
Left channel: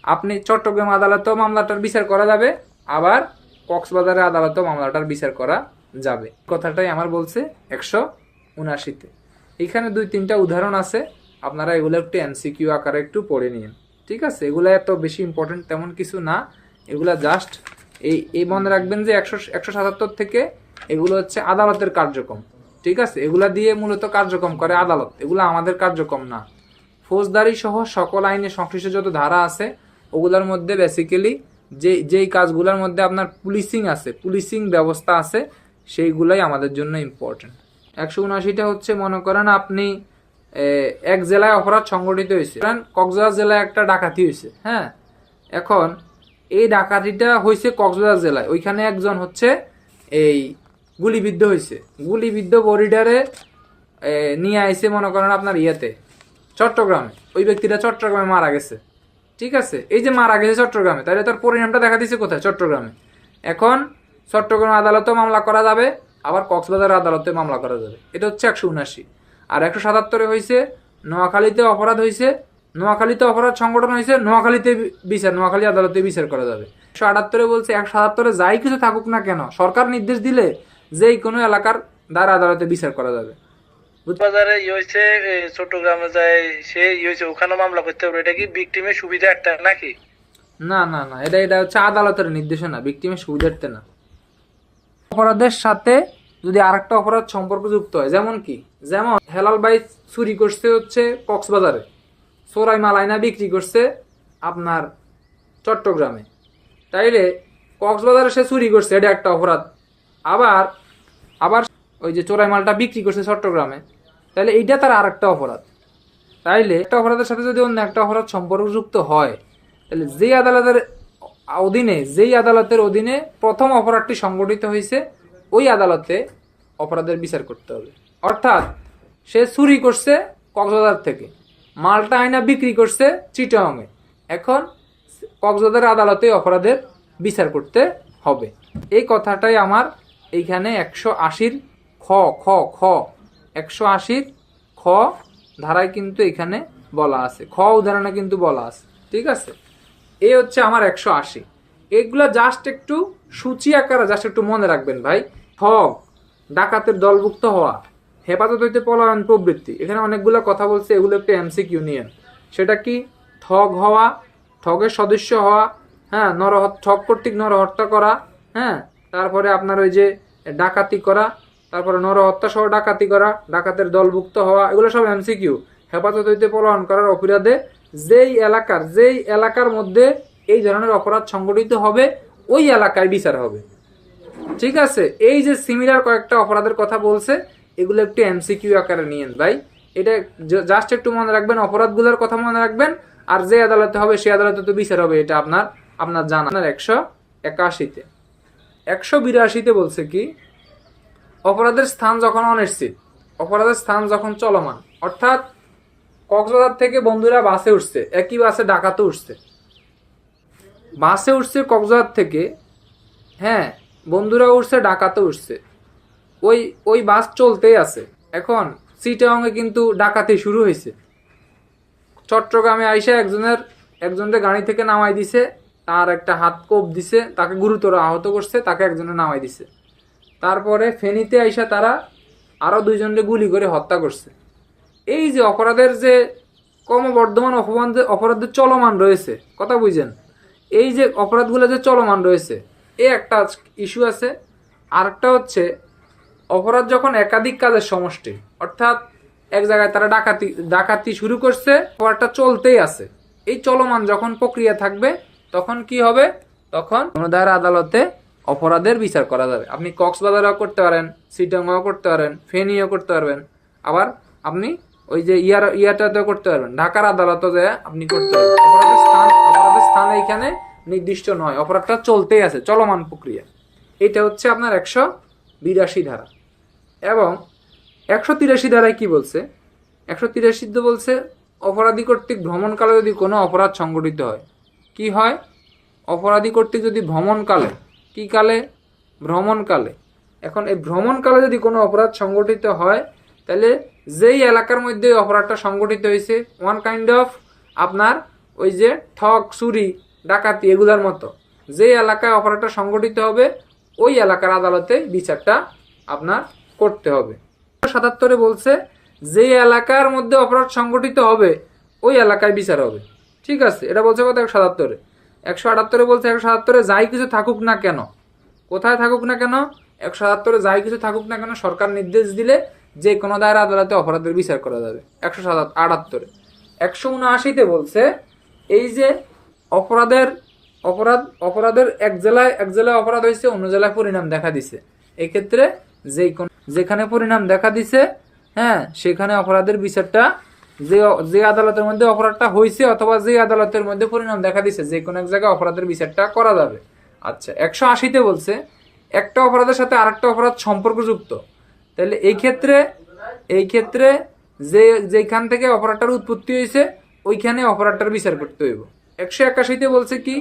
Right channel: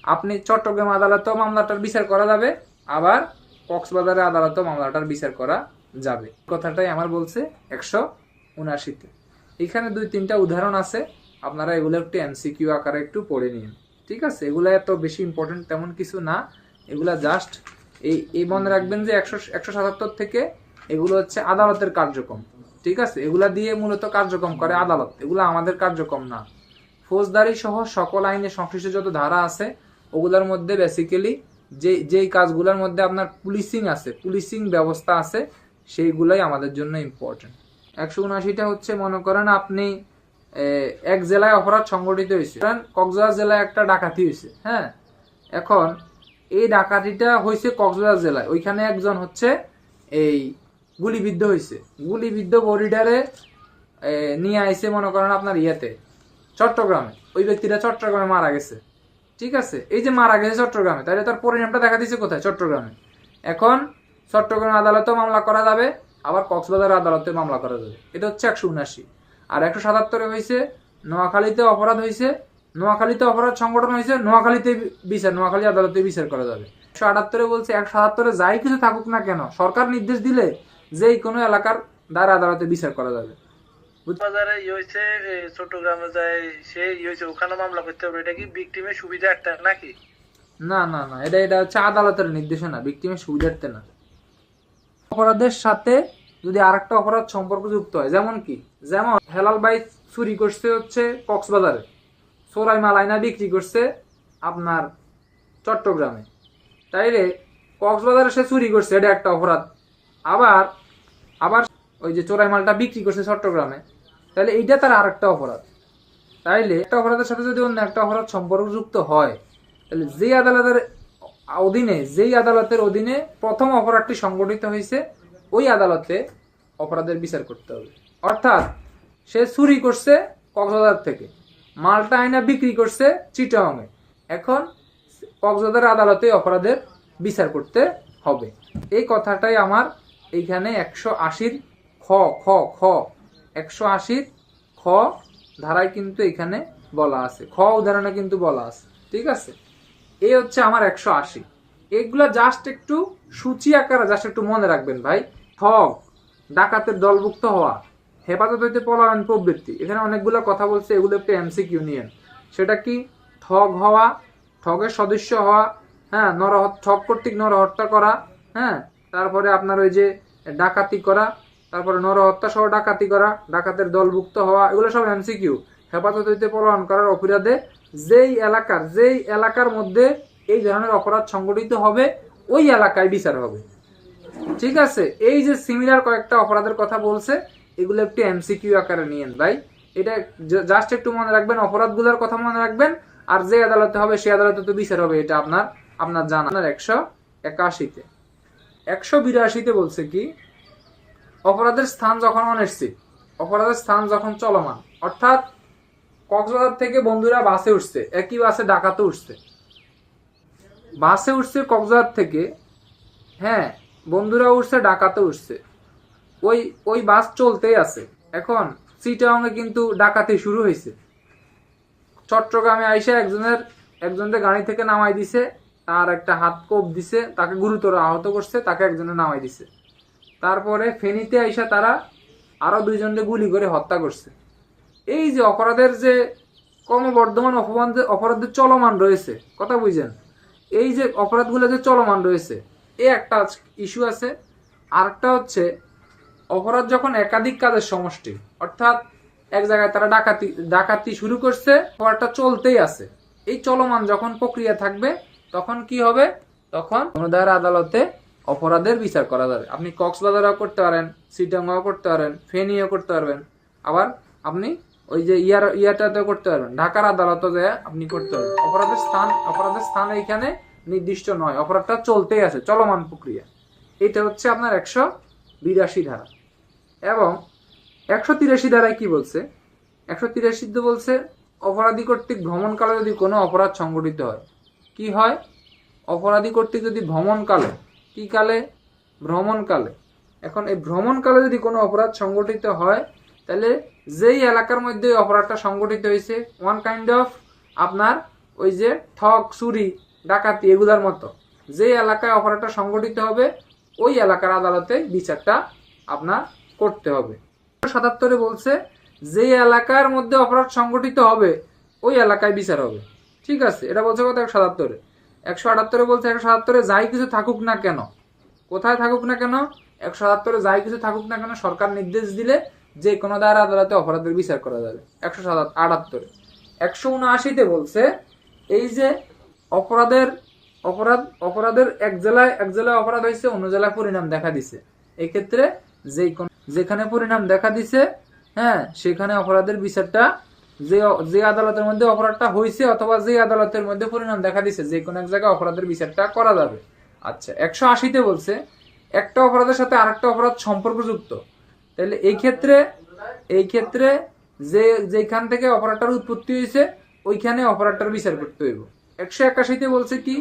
আপনি চট্টগ্রাম আদালতেও মামলাটার বিচার করা যাবে, আবার কক্সবাজারের আদালতেও মামলাটার বিচার করা যাবে। কথাটাই আমার বলছে 179-তে। এখানে 2-3টা উদাহরণ আছে, আপনারা এগুলো একটু এমসিকিউ আকারে একটু পড়ে নিন, ঠিক আছে। এগুলো এত বেশি ইম্পর্টেন্ট তেমন কিছু না, এগুলা জাস্ট এই মনে রাখবেন যে 177 থেকে এগুলো হচ্ছে আদালতের কার্যক্রম, ঠিক আছে। এগুলা দিয়ে মূলত কার্যক্রম করে আদালত, এগুলো আমাদের কার্যক্রম না। ফৌজদারি সহ সকল আইনে সংশ্লিষ্ট যত ধারা আছে ওগুলোর মধ্যে বেসিক্যালি যেই কাজগুলোর মধ্যে আপনার পুলিশিং আছে, পুলিশিং ব্যবস্থা আছে, সেইগুলাই আমাদের জন্য ইম্পর্টেন্ট। 179টা হচ্ছে, মনে করেন আপনি এক জেলায় অপরাধ সংগঠিত হয়েছে, কক্সবাজার জেলায় একটা ডাকাতি হয়েছে, হ্যাঁ। এখন এই ডাকাতিটা হয়েছে কক্সবাজার জেলায়, ওইখানে একজন হচ্ছে এই গুলিবিদ্ধ হয়েছে, গুলিবিদ্ধ বডিটারে নিয়ে আইছে মনে করেন আপনার ইয়েতে চট্টগ্রামে, ওই ব্যক্তিটা চট্টগ্রামে মারা গেছে, ঠিক আছে। এই যে মারা গেছে চট্টগ্রামে, তাহলে তার পরিণামটা দেখা দিচ্ছে কোথায়, চট্টগ্রামে। এখন চট্টগ্রাম আদালতেও মামলা করা যাবে, আবার কক্সবাজার আদালতে মামলা করা যাবে। এটা হচ্ছে 179। আর 177-এ হয়েছে নোয়াখালীতে অপরাধ হয়েছে, নোয়াখালীতে অপরাধ সংগঠন হয়েছে, নোয়াখালীতে বিচার, নোয়াখালী আদালতে বিচার করা যাবে। 178-এ বলছে 177-এ যাই কিছু থাকুক না কেন, সরকার নির্দেশ দিলে যেই কোনো এলাকার দ্বারা আদালতে বিচার করা যাবে। বাজারে হইছে চট্টগ্রামে যায়, সে হইছে ওখানে মামলা করতে হবে, এটা কি ভিকটিমের সুবিধা একটা নাকি? না না না, এটা হচ্ছে আদালতের নির্দেশনা, ভিকটিমের সুবিধার্থে না। অপরাধের সাথে যদি আরেকটা অপরাধ সম্পর্কযুক্ত হয়, যেমন হেলাল ভাই চুরি করছে হচ্ছে কক্সবাজারে, চোরাই মাল আইনা বিক্রি করছে আপনার চট্টগ্রামে, তাইলে কক্সবাজারে সে চুরি করছে, এটা একটা অপরাধ। আবার ওই যে চোরাই মালটা বিক্রি করছে চট্টগ্রামে, তাহলে এইটা তার আরেকটা অপরাধ। তাইলে একটা অপরাধের সাথে যদি অন্য একটা অপরাধ সম্পর্কযুক্ত হয়, তাহলে যেই আদালতের অধীনে প্রথম অপরাধটি সংগঠিত হয়েছে, ওই আদালতে অপরাধের বিচার করতে হবে। অর্থাৎ সে চুরি করছে কক্সবাজার থেকে, মালটা আইনা বিক্রি করছে চিটাগাংয়ে, এখন কক্সবাজার আদালতে অপরাধের বিচার করতে হবে। এই কথাটাই আমার এইখানে 180-র খ 180-র খ ধারায় কিন্তু এখানে বলা আছে, খ উদাহরণে কিন্তু বলা আছে, ঠিক আছে। এই হচ্ছে আমার 180। এগুলা জাস্ট একটু সূচি আকারে জাস্ট একটু মনে রাখবেন ভাই। খ ডাকাতের দলভুক্ত হওয়া, হেফাজত হইতে পলায়ন প্রবৃত্তি। এখানে অনেকগুলো কথা বলছে, এগুলো একটু এমসিকিউ নিয়ে। সেটা কি? ঠগ হওয়া, ঠগের সদস্য হওয়া, হ্যাঁ, ঠগ কর্তৃক নরহত্যা করা, হ্যাঁ, তারপরে আপনার ওই যে ডাকাতি করা, তারপরে নরহত্যা সহ ডাকাতি করা, ডাকাতের দলভুক্ত হওয়া, এগুলো সব এমসিকিউ। হেফাজত হইতে পলায়ন করার অপরাধে যেই এলাকার মধ্যে এই ধরনের অপরাধ সংগঠিত হবে ওই এলাকায় বিচার হবে। ঠিক আছে, এই যে সিমিলার কয়েকটা অপরাধের কথা বলছে, এগুলো একটু এমসিকিউ আকারে নিয়েন ভাই। এটা জাস্ট একটু মনে রাখবেন, অপরাধগুলোর কথা মনে রাখবেন, আর যে আদালতে হবে সেই আদালতে তো বিচার হবে, এটা আপনার জানা। 181-তে 182-তে বলছে কি? অপরাধের স্থান যখন অনিশ্চিত, অপরাধের স্থান যখন চলমান, অর্থাৎ কক্সবাজার থেকে বন্ধুরা বাসে উঠছে, একই বাসে ডাকাতে উঠছে, বাসে উঠছে কক্সবাজার থেকে, হ্যাঁ, বন্ধুরা উঠছে ডাকাতে উঠছে, ওই বাস চলতেই আছে। এখন চিটাগাংয়ে কিন্তু ডাকাতি শুরু হয়েছে। চট্টগ্রামে আইসা একজনের গাড়ি থেকে নামাই দিছে, তার একটা হাত কোপ দিছে, তাকে গুরুতর আহত করছে, তাকে একজনে নামাই দিছে। তারপরে ফেনীতে আইসা তারা আরো 2 জনকে গুলি করে হত্যা করছে। এই যে অপরাধের যে ক্রমবর্ধমান অপরাধের চলমান রয়েছে, কথা বুঝেন, এই যে অপরাধগুলো যে চলমান রয়েছে, এই একটা ইস্যু আছে। আরেকটা হচ্ছে অপরাধ যখন একাধিক কাজের সমষ্টি, অর্থাৎ এক জায়গায় তারা ডাকাতি শুরু করছে, অপরাধটা চলতেই আছে, এই চলমান যখন প্রক্রিয়া থাকবে, তখন কি হবে? তখন কোনো দায়ের আদালতে অপরাধের বিচার করা যাবে। আপনি কক্সবাজারও করতে পারেন, চিটাগাংও করতে পারেন, ফেনীও করতে পারবেন, আবার আপনি ওই যে ইয়াটাতেও করতে পারবেন, ঢাকার আদালতও যে আপনি করতে পারবেন। অপরাধের স্থান এইখানে নির্দিষ্ট নয়, অপরাধটা চলতেই আছে, চলমান প্রক্রিয়া। এটা হচ্ছে আপনার 182 ধারা। এবং 183 ধারায় কি বলছে? 183 বলছে অপরাধী কর্তৃক ভ্রমণকালে যদি কোনো অপরাধ সংঘটিত হয়, কি হয়? অপরাধী কর্তৃক যদি ভ্রমণকালে, কি কালে? ভ্রমণকালে। এখন এই ভ্রমণকালে যদি কোনো অপরাধ সংঘটিত হয়, তাহলে যেই এলাকার মধ্যে অপরাধটা সংঘটিত হয়েছে, ওয়ান কাইন্ড অফ আপনার ওই যে ঠগ, চুরি, ডাকাতি এগুলার মতো, যে এলাকায় অপরাধটা সংঘটিত হবে ওই এলাকার আদালতে বিচারটা আপনার করতে হবে। 177 বলছে যে এলাকার মধ্যে অপরাধ সংঘটিত হবে ওই এলাকায় বিচার হবে। ঠিক আছে, এটা বলছে কত? 177। 178 বলছে 177 যাই কিছু থাকুক না কেন, কোথায় থাকুক না কেন, 177 যাই কিছু থাকুক না কেন, সরকার নির্দেশ দিলে যে কোনো দায়ের আদালতে অপরাধের বিচার করা যাবে। 178। 179-তে বলছে এই যে অপরাধের এক জেলায় অপরাধ হয়েছে, অন্য জেলায় পরিণাম দেখা দিছে, এক্ষেত্রে যেখানে পরিণাম দেখা দিছে, হ্যাঁ, সেখানে অপরাধের বিচারটা যে আদালতের মধ্যে অপরাধটা হয়েছে অথবা যে আদালতের মধ্যে পরিণাম দেখা দিছে, যে কোনো এক জায়গায় অপরাধের বিচারটা করা যাবে। আচ্ছা, 180-তে বলছে একটা অপরাধের সাথে আরেকটা অপরাধ সম্পর্কযুক্ত, তাহলে এই ক্ষেত্রে যেখান থেকে অপরাধটার উৎপত্তি হয়েছে ওইখানে অপরাধটার বিচার করতে হইব। 181-তে বলছে কি?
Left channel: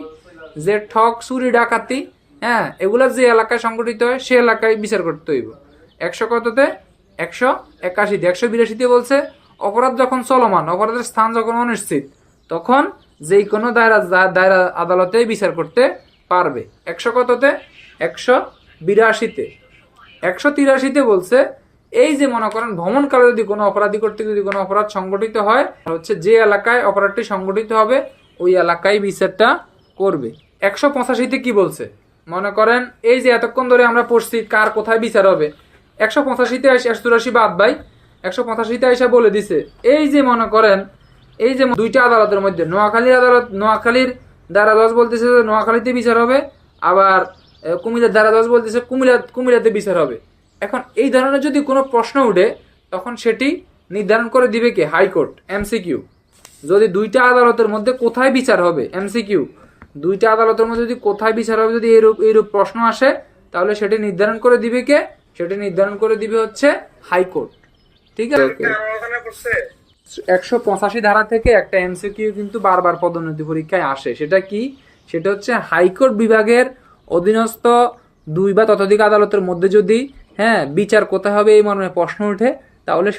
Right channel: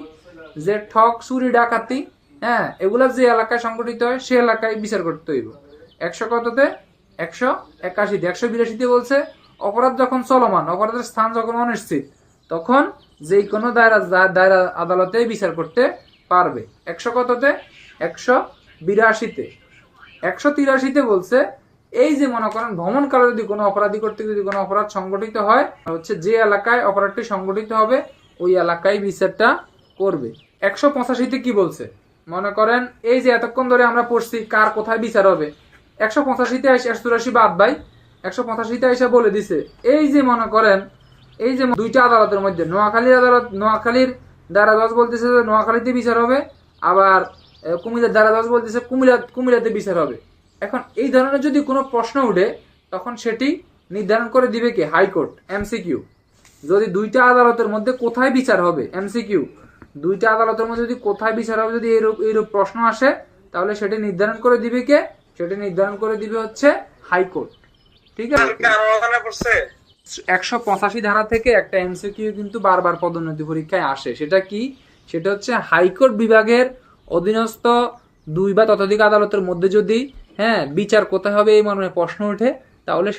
যে ঠগ, চুরি, ডাকাতি, হ্যাঁ, এগুলা যে এলাকায় সংগঠিত হয় সে এলাকায় বিচার করতে হইব। 181-তে 182-তে বলছে অপরাধ যখন চলমান, অপরাধের স্থান যখন অনিশ্চিত, তখন যেই কোনো দায়রা আদালতে বিচার করতে পারবে। 182-তে 182-তে 183-তে বলছে এই যে মনে করেন ভ্রমণকালে যদি কোনো অপরাধী কর্তৃক যদি কোনো অপরাধ সংগঠিত হয়, হচ্ছে যে এলাকায় অপরাধটি সংগঠিত হবে ওই এলাকায় বিচারটা করবে। 185-তে কি বলছে? মনে করেন এই যে এতক্ষণ ধরে আমরা পড়ছি কার কোথায় বিচার হবে, 185-তে 184 বাদ ভাই, 185-তে এসে বলে দিছে এই যে মনে করেন এই যে দুইটা আদালতের মধ্যে নোয়াখালীর দায়রা জজ বলতেছে যে নোয়াখালীতে বিচার হবে, আবার কুমিল্লার দায়রা জজ বলতেছে কুমিল্লাতে বিচার হবে। এখন এই ধরনের যদি কোনো প্রশ্ন উঠে, তখন সেটি নির্ধারণ করে দিবে কি? হাইকোর্ট। এমসিকিউ, যদি দুইটা আদালতের মধ্যে কোথায় বিচার হবে, এমসিকিউ, দুইটা আদালতের মধ্যে যদি কোথায় বিচার হবে যদি এইরূপ প্রশ্ন আসে, তাহলে সেটি নির্ধারণ করে দিবে কে? সেটি নির্ধারণ করে দিবে হচ্ছে হাইকোর্ট। ঠিক আছে, 185 ধারা থেকে একটা এমসিকিউ কিন্তু বারবার পদোন্নতি পরীক্ষায় আসে। সেটা কি? সেটা হচ্ছে হাইকোর্ট বিভাগের অধীনস্থ 2 বা ততোধিক আদালতের মধ্যে যদি, হ্যাঁ, বিচার কোথায় হবে এই মর্মে প্রশ্ন ওঠে, তাহলে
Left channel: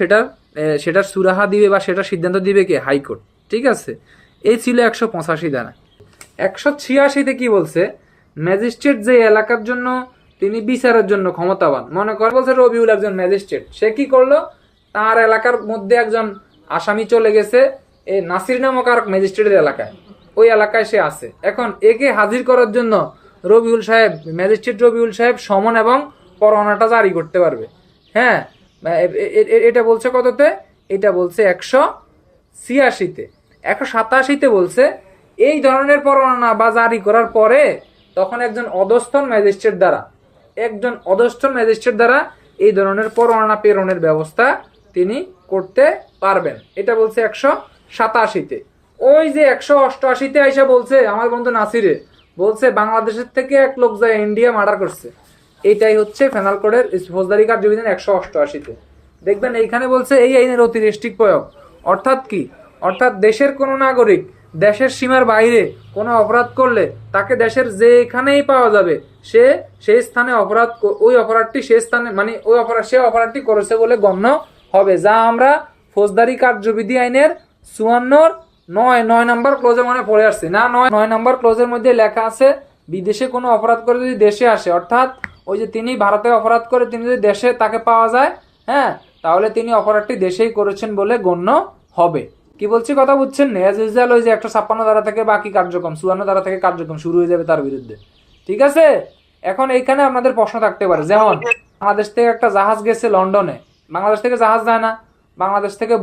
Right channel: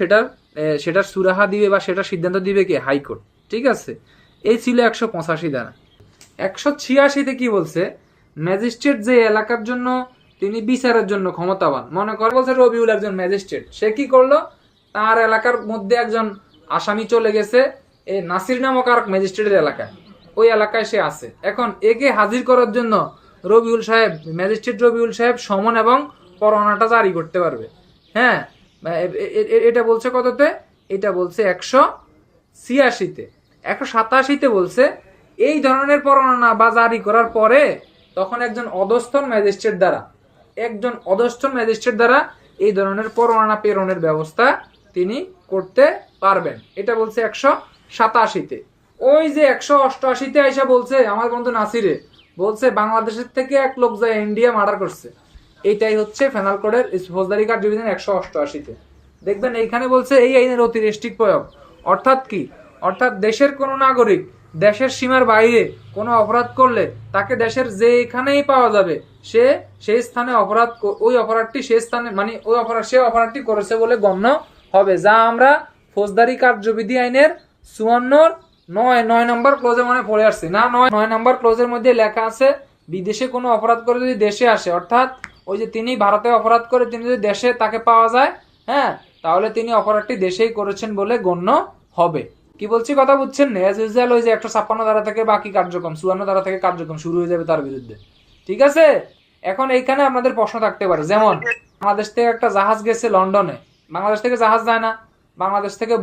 সেটার সুরাহা দিবে বা সেটা সিদ্ধান্ত দিবে কে? হাইকোর্ট। ঠিক আছে, এই ছিল 185 ধারা। 186-তে কি বলছে? ম্যাজিস্ট্রেট যে এলাকার জন্য তিনি বিচারের জন্য ক্ষমতাবান। মনে কর বলছে রবিউল একজন ম্যাজিস্ট্রেট, সে কি করলো, তার এলাকার মধ্যে একজন আসামি চলে গেছে এই নাসির নামক আর ম্যাজিস্ট্রেটের এলাকায়, ওই এলাকায় সে আছে। এখন একে হাজির করার জন্য রবিউল সাহেব, ম্যাজিস্ট্রেট রবিউল সাহেব সমন এবং পরোয়ানাটা জারি করতে পারবে। হ্যাঁ, এটা বলছে কততে, এটা বলছে 186-তে। 187-তে বলছে এই ধরনের পরোয়ানা বা জারি করার পরে তখন একজন অধস্থন ম্যাজিস্ট্রেট দ্বারা এই ধরনের পরোয়ানা প্রেরণের ব্যবস্থা তিনি করতে পারবেন। এটা বলছে 187-তে। ওই যে 188-তে আইসা বলছে আমার বন্ধু নাসিরে, বলছে বাংলাদেশের থেকে এক লোক যায় ইন্ডিয়া মার্ডার করছে। এইটাই হচ্ছে পেনাল কোডের ফৌজদারি কার্যবিধান 188-তে। দেখবেন এইখানে বলছে এই আইনের অতি রেস্ট্রিক্ট প্রয়োগ। অর্থাৎ কি, অর্থাৎ দেশের কোনো নাগরিক দেশের সীমার বাইরে কোনো অপরাধ করলে তাকে দেশের যেখানেই পাওয়া যাবে সে সেই স্থানে ওই অপরাধটি সেই স্থানে মানে সে অপরাধটি করেছে বলে গণ্য হবে, যা আমরা ফৌজদারি কার্যবিধি আইনের 54-9 নম্বর ক্লোজে মানে পড়ে আসছে না। 9 নম্বর ক্লোজের মধ্যে লেখা আছে বিদেশে কোনো অপরাধ করে যদি দেশে আসে, অর্থাৎ ওই যে তিনি ভারতে অপরাধ করে তিনি যদি দেশে তাকে পাওয়া যায়, হ্যাঁ, তাহলে তিনি অপরাধটি দেশেই করেছেন বলে গণ্য হবে। কি বলছি কথা বুঝছেন না? এজ ইউজুয়াল ওই যে 156 ধারা থেকে বাকি কার্যক্রম 54 ধারা থেকে কার্যক্রম শুরু হয়ে যাবে তার বিরুদ্ধে। ঠিক আছে, এখন এইখানে আপনাদের প্রশ্ন থাকতে পারে, যেমন বাংলাদেশ থেকে একটা জাহাজ গেছে লন্ডনে, বাংলাদেশ থেকে জাহাজ যায় না, বাংলাদেশ থেকে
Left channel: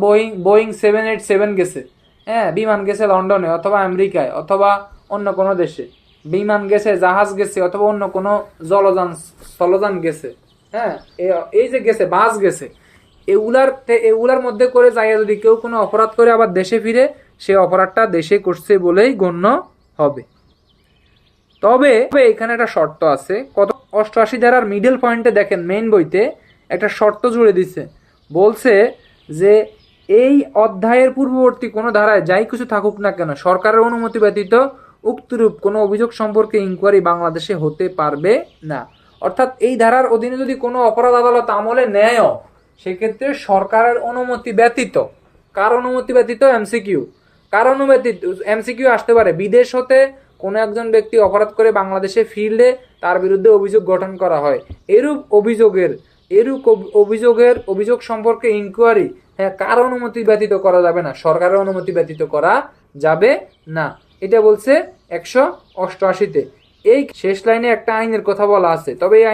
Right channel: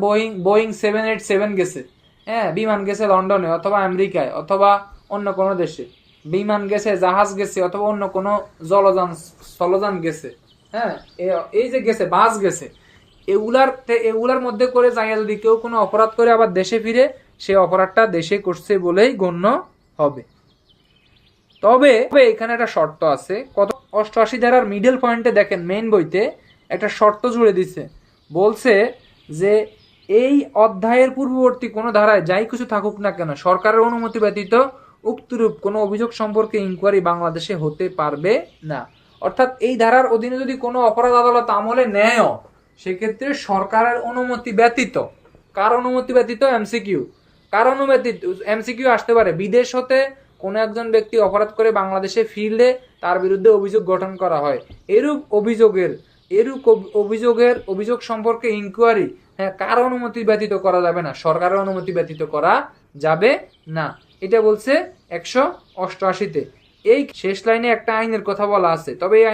বোয়িং 787 গেছে, হ্যাঁ, বিমান গেছে লন্ডনে অথবা আমেরিকায় অথবা অন্য কোনো দেশে, বিমান গেছে, জাহাজ গেছে অথবা অন্য কোনো স্থলযান গেছে, হ্যাঁ, এই যে গেছে, বাস গেছে, এগুলার মধ্যে করে যাইয়া যদি কেউ কোনো অপরাধ করে আবার দেশে ফিরে, সে অপরাধটা দেশে করছে বলেই গণ্য হবে। তবে এখানে একটা শর্ত আছে, কত 88 ধারার মিডল পয়েন্টে দেখেন, মেইন বইতে একটা শর্ত জুড়ে দিচ্ছে, বলছে যে এই অধ্যায়ের পূর্ববর্তী কোনো ধারায় যাই কিছু থাকুক না কেন, সরকারের অনুমতি ব্যতীত উক্তরূপ কোনো অভিযোগ সম্পর্কে ইনকোয়ারি বাংলাদেশে হতে পারবে না। অর্থাৎ এই ধারার অধীনে যদি কোনো অপরাধ আদালত আমলে নেয়, সেক্ষেত্রে সরকারের অনুমতি ব্যতীত, কার অনুমতি ব্যতীত, এমসিকিউ আসতে পারে। বিদেশ হতে কোনো একজন ব্যক্তি অপরাধ করে বাংলাদেশে ফিরলে তার বিরুদ্ধে অভিযোগ গঠন করা হয়, এরূপ অভিযোগ সম্পর্কে ইনকোয়ারি, হ্যাঁ, কার অনুমতি ব্যতীত করা যাবে না, সরকারের অনুমতি ব্যতীত করা যাবে না। এটা বলছে 188-তে। এই শেষ লাইনে একটা আইনের কথা বলা আছে, তবে এই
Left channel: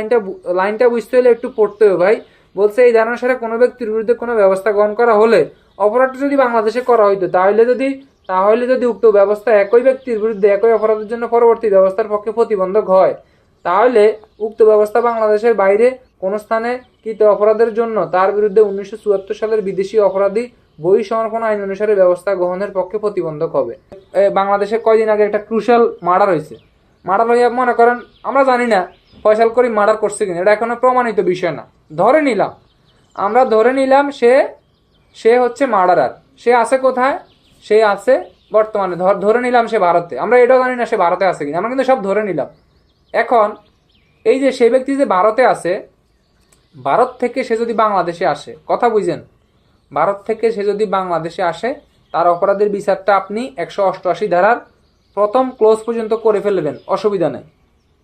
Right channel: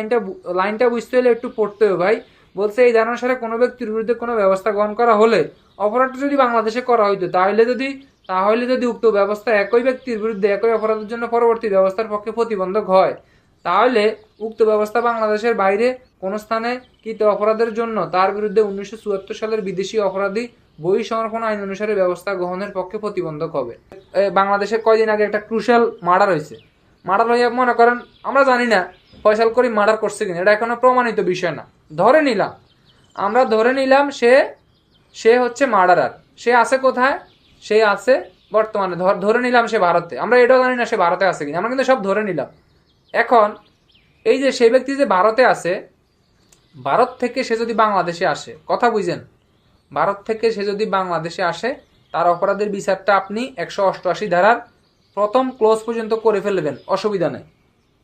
লাইনটা বুঝতে হলে একটু পড়তে হবে ভাই। বলছে এই ধারণা সারে কোনো ব্যক্তির বিরুদ্ধে কোনো ব্যবস্থা গ্রহণ করা হলে, অপরাধটা যদি বাংলাদেশে করা হইতো তাহলে যদি উক্ত ব্যবস্থা একই ব্যক্তির বিরুদ্ধে একই অপরাধের জন্য পরবর্তী ব্যবস্থার পক্ষে প্রতিবন্ধক হয়, তাহলে উক্ত ব্যবস্থা বাংলাদেশের বাইরে কোন স্থানে কৃত অপরাধের জন্য তার বিরুদ্ধে 1974 সালের বিদেশি অপরাধী বই সমর্পণ আইন অনুসারে ব্যবস্থা গ্রহণের পক্ষে প্রতিবন্ধক হবে। বাংলাদেশে কয়দিন আগে একটা ক্রুশাল মার্ডার হয়েছে, মার্ডার হইয়া মনে করেন আমরা জানি না ফয়সাল করিম মার্ডার করছে কিনা, এটা এখনো প্রমাণিত বিষয় না, আমরা ধরে নিলাম সে হচ্ছে মার্ডারার। সে আছে কোথায়? সে আছে বর্তমানে ধরে নিলাম সে ভারতে, আমরা এটাও জানি না সে ভারতে আছে কিনা, আমরা কিন্তু সব ধরে নিলাম। এখন এই যে সেই ব্যক্তি যে ভারতে আছে, ভারত থেকে সে যদি বাংলাদেশে আসে, কথা বুঝেন, ভারত থেকে সে যদি বাংলাদেশে আসে, তার অপরাধের বিচারটা আপনি 188 ধারার প্রথম ক্লোজ পর্যন্ত করে ফেলবেন, অসুবিধা নেই।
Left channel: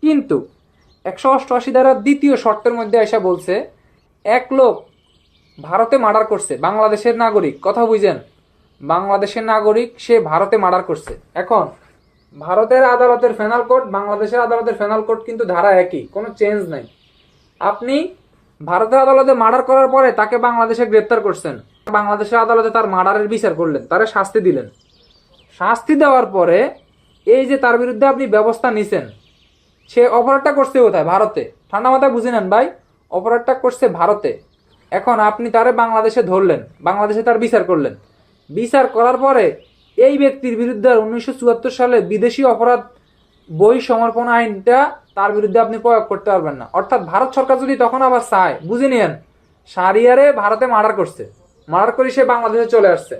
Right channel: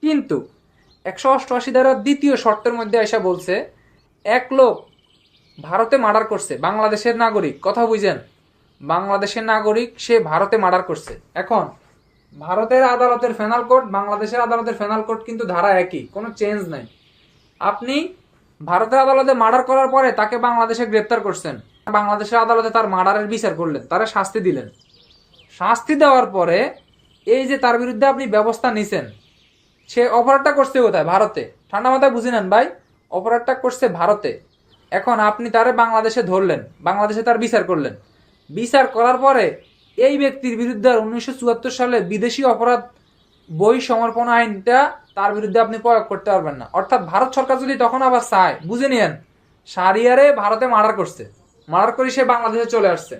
কিন্তু 188 ধারার দ্বিতীয় শর্তের মধ্যে এসে বলছে এক লোক ভারতে মার্ডার করছে, বাংলাদেশের নাগরিক, কথা বুঝেন, বাংলাদেশের নাগরিক, সে ভারতে মার্ডার করছে। এখন ভারতের আদালতের পেনাল কোড, বাংলাদেশের আদালতের পেনাল কোড কিন্তু ধারা একই, কোনো চেঞ্জ নাই। আপনি ভারতের আদালতে মার্ডার করার পরে তাকে বাংলাদেশে গ্রেপ্তার করছেন, বাংলাদেশের আদালতে তার মার্ডারের বিচার করলেন, তারে শাস্তি দিলেন। শাস্তি দেওয়ার পরে এই যে তার বিরুদ্ধে আপনি ব্যবস্থা নিছেন, সে অপরাধটা করছে কোথায়? ভারতে। ঠান্ডা মাথায় বুঝে নেন ভাই, অপরাধটা করছে ভারতে। এখন আপনি তারে বাংলাদেশে ধরলেন, বাংলাদেশে তার বিচার করলেন, বিচার করার পরে এই ব্যক্তির বিরুদ্ধে 1974 সালে বিদেশি অপরাধ বই সমর্পণ আইনটা তার বিরুদ্ধে আপনি প্রয়োগ করতে পারবেন না। অর্থাৎ ভারত সরকার যদি তখন আবার চায়, বুঝে নিয়েন, শারিয়ারে ভারতে মার্ডার করছে, মার্ডার করে সে বাংলাদেশে চলে আসছে,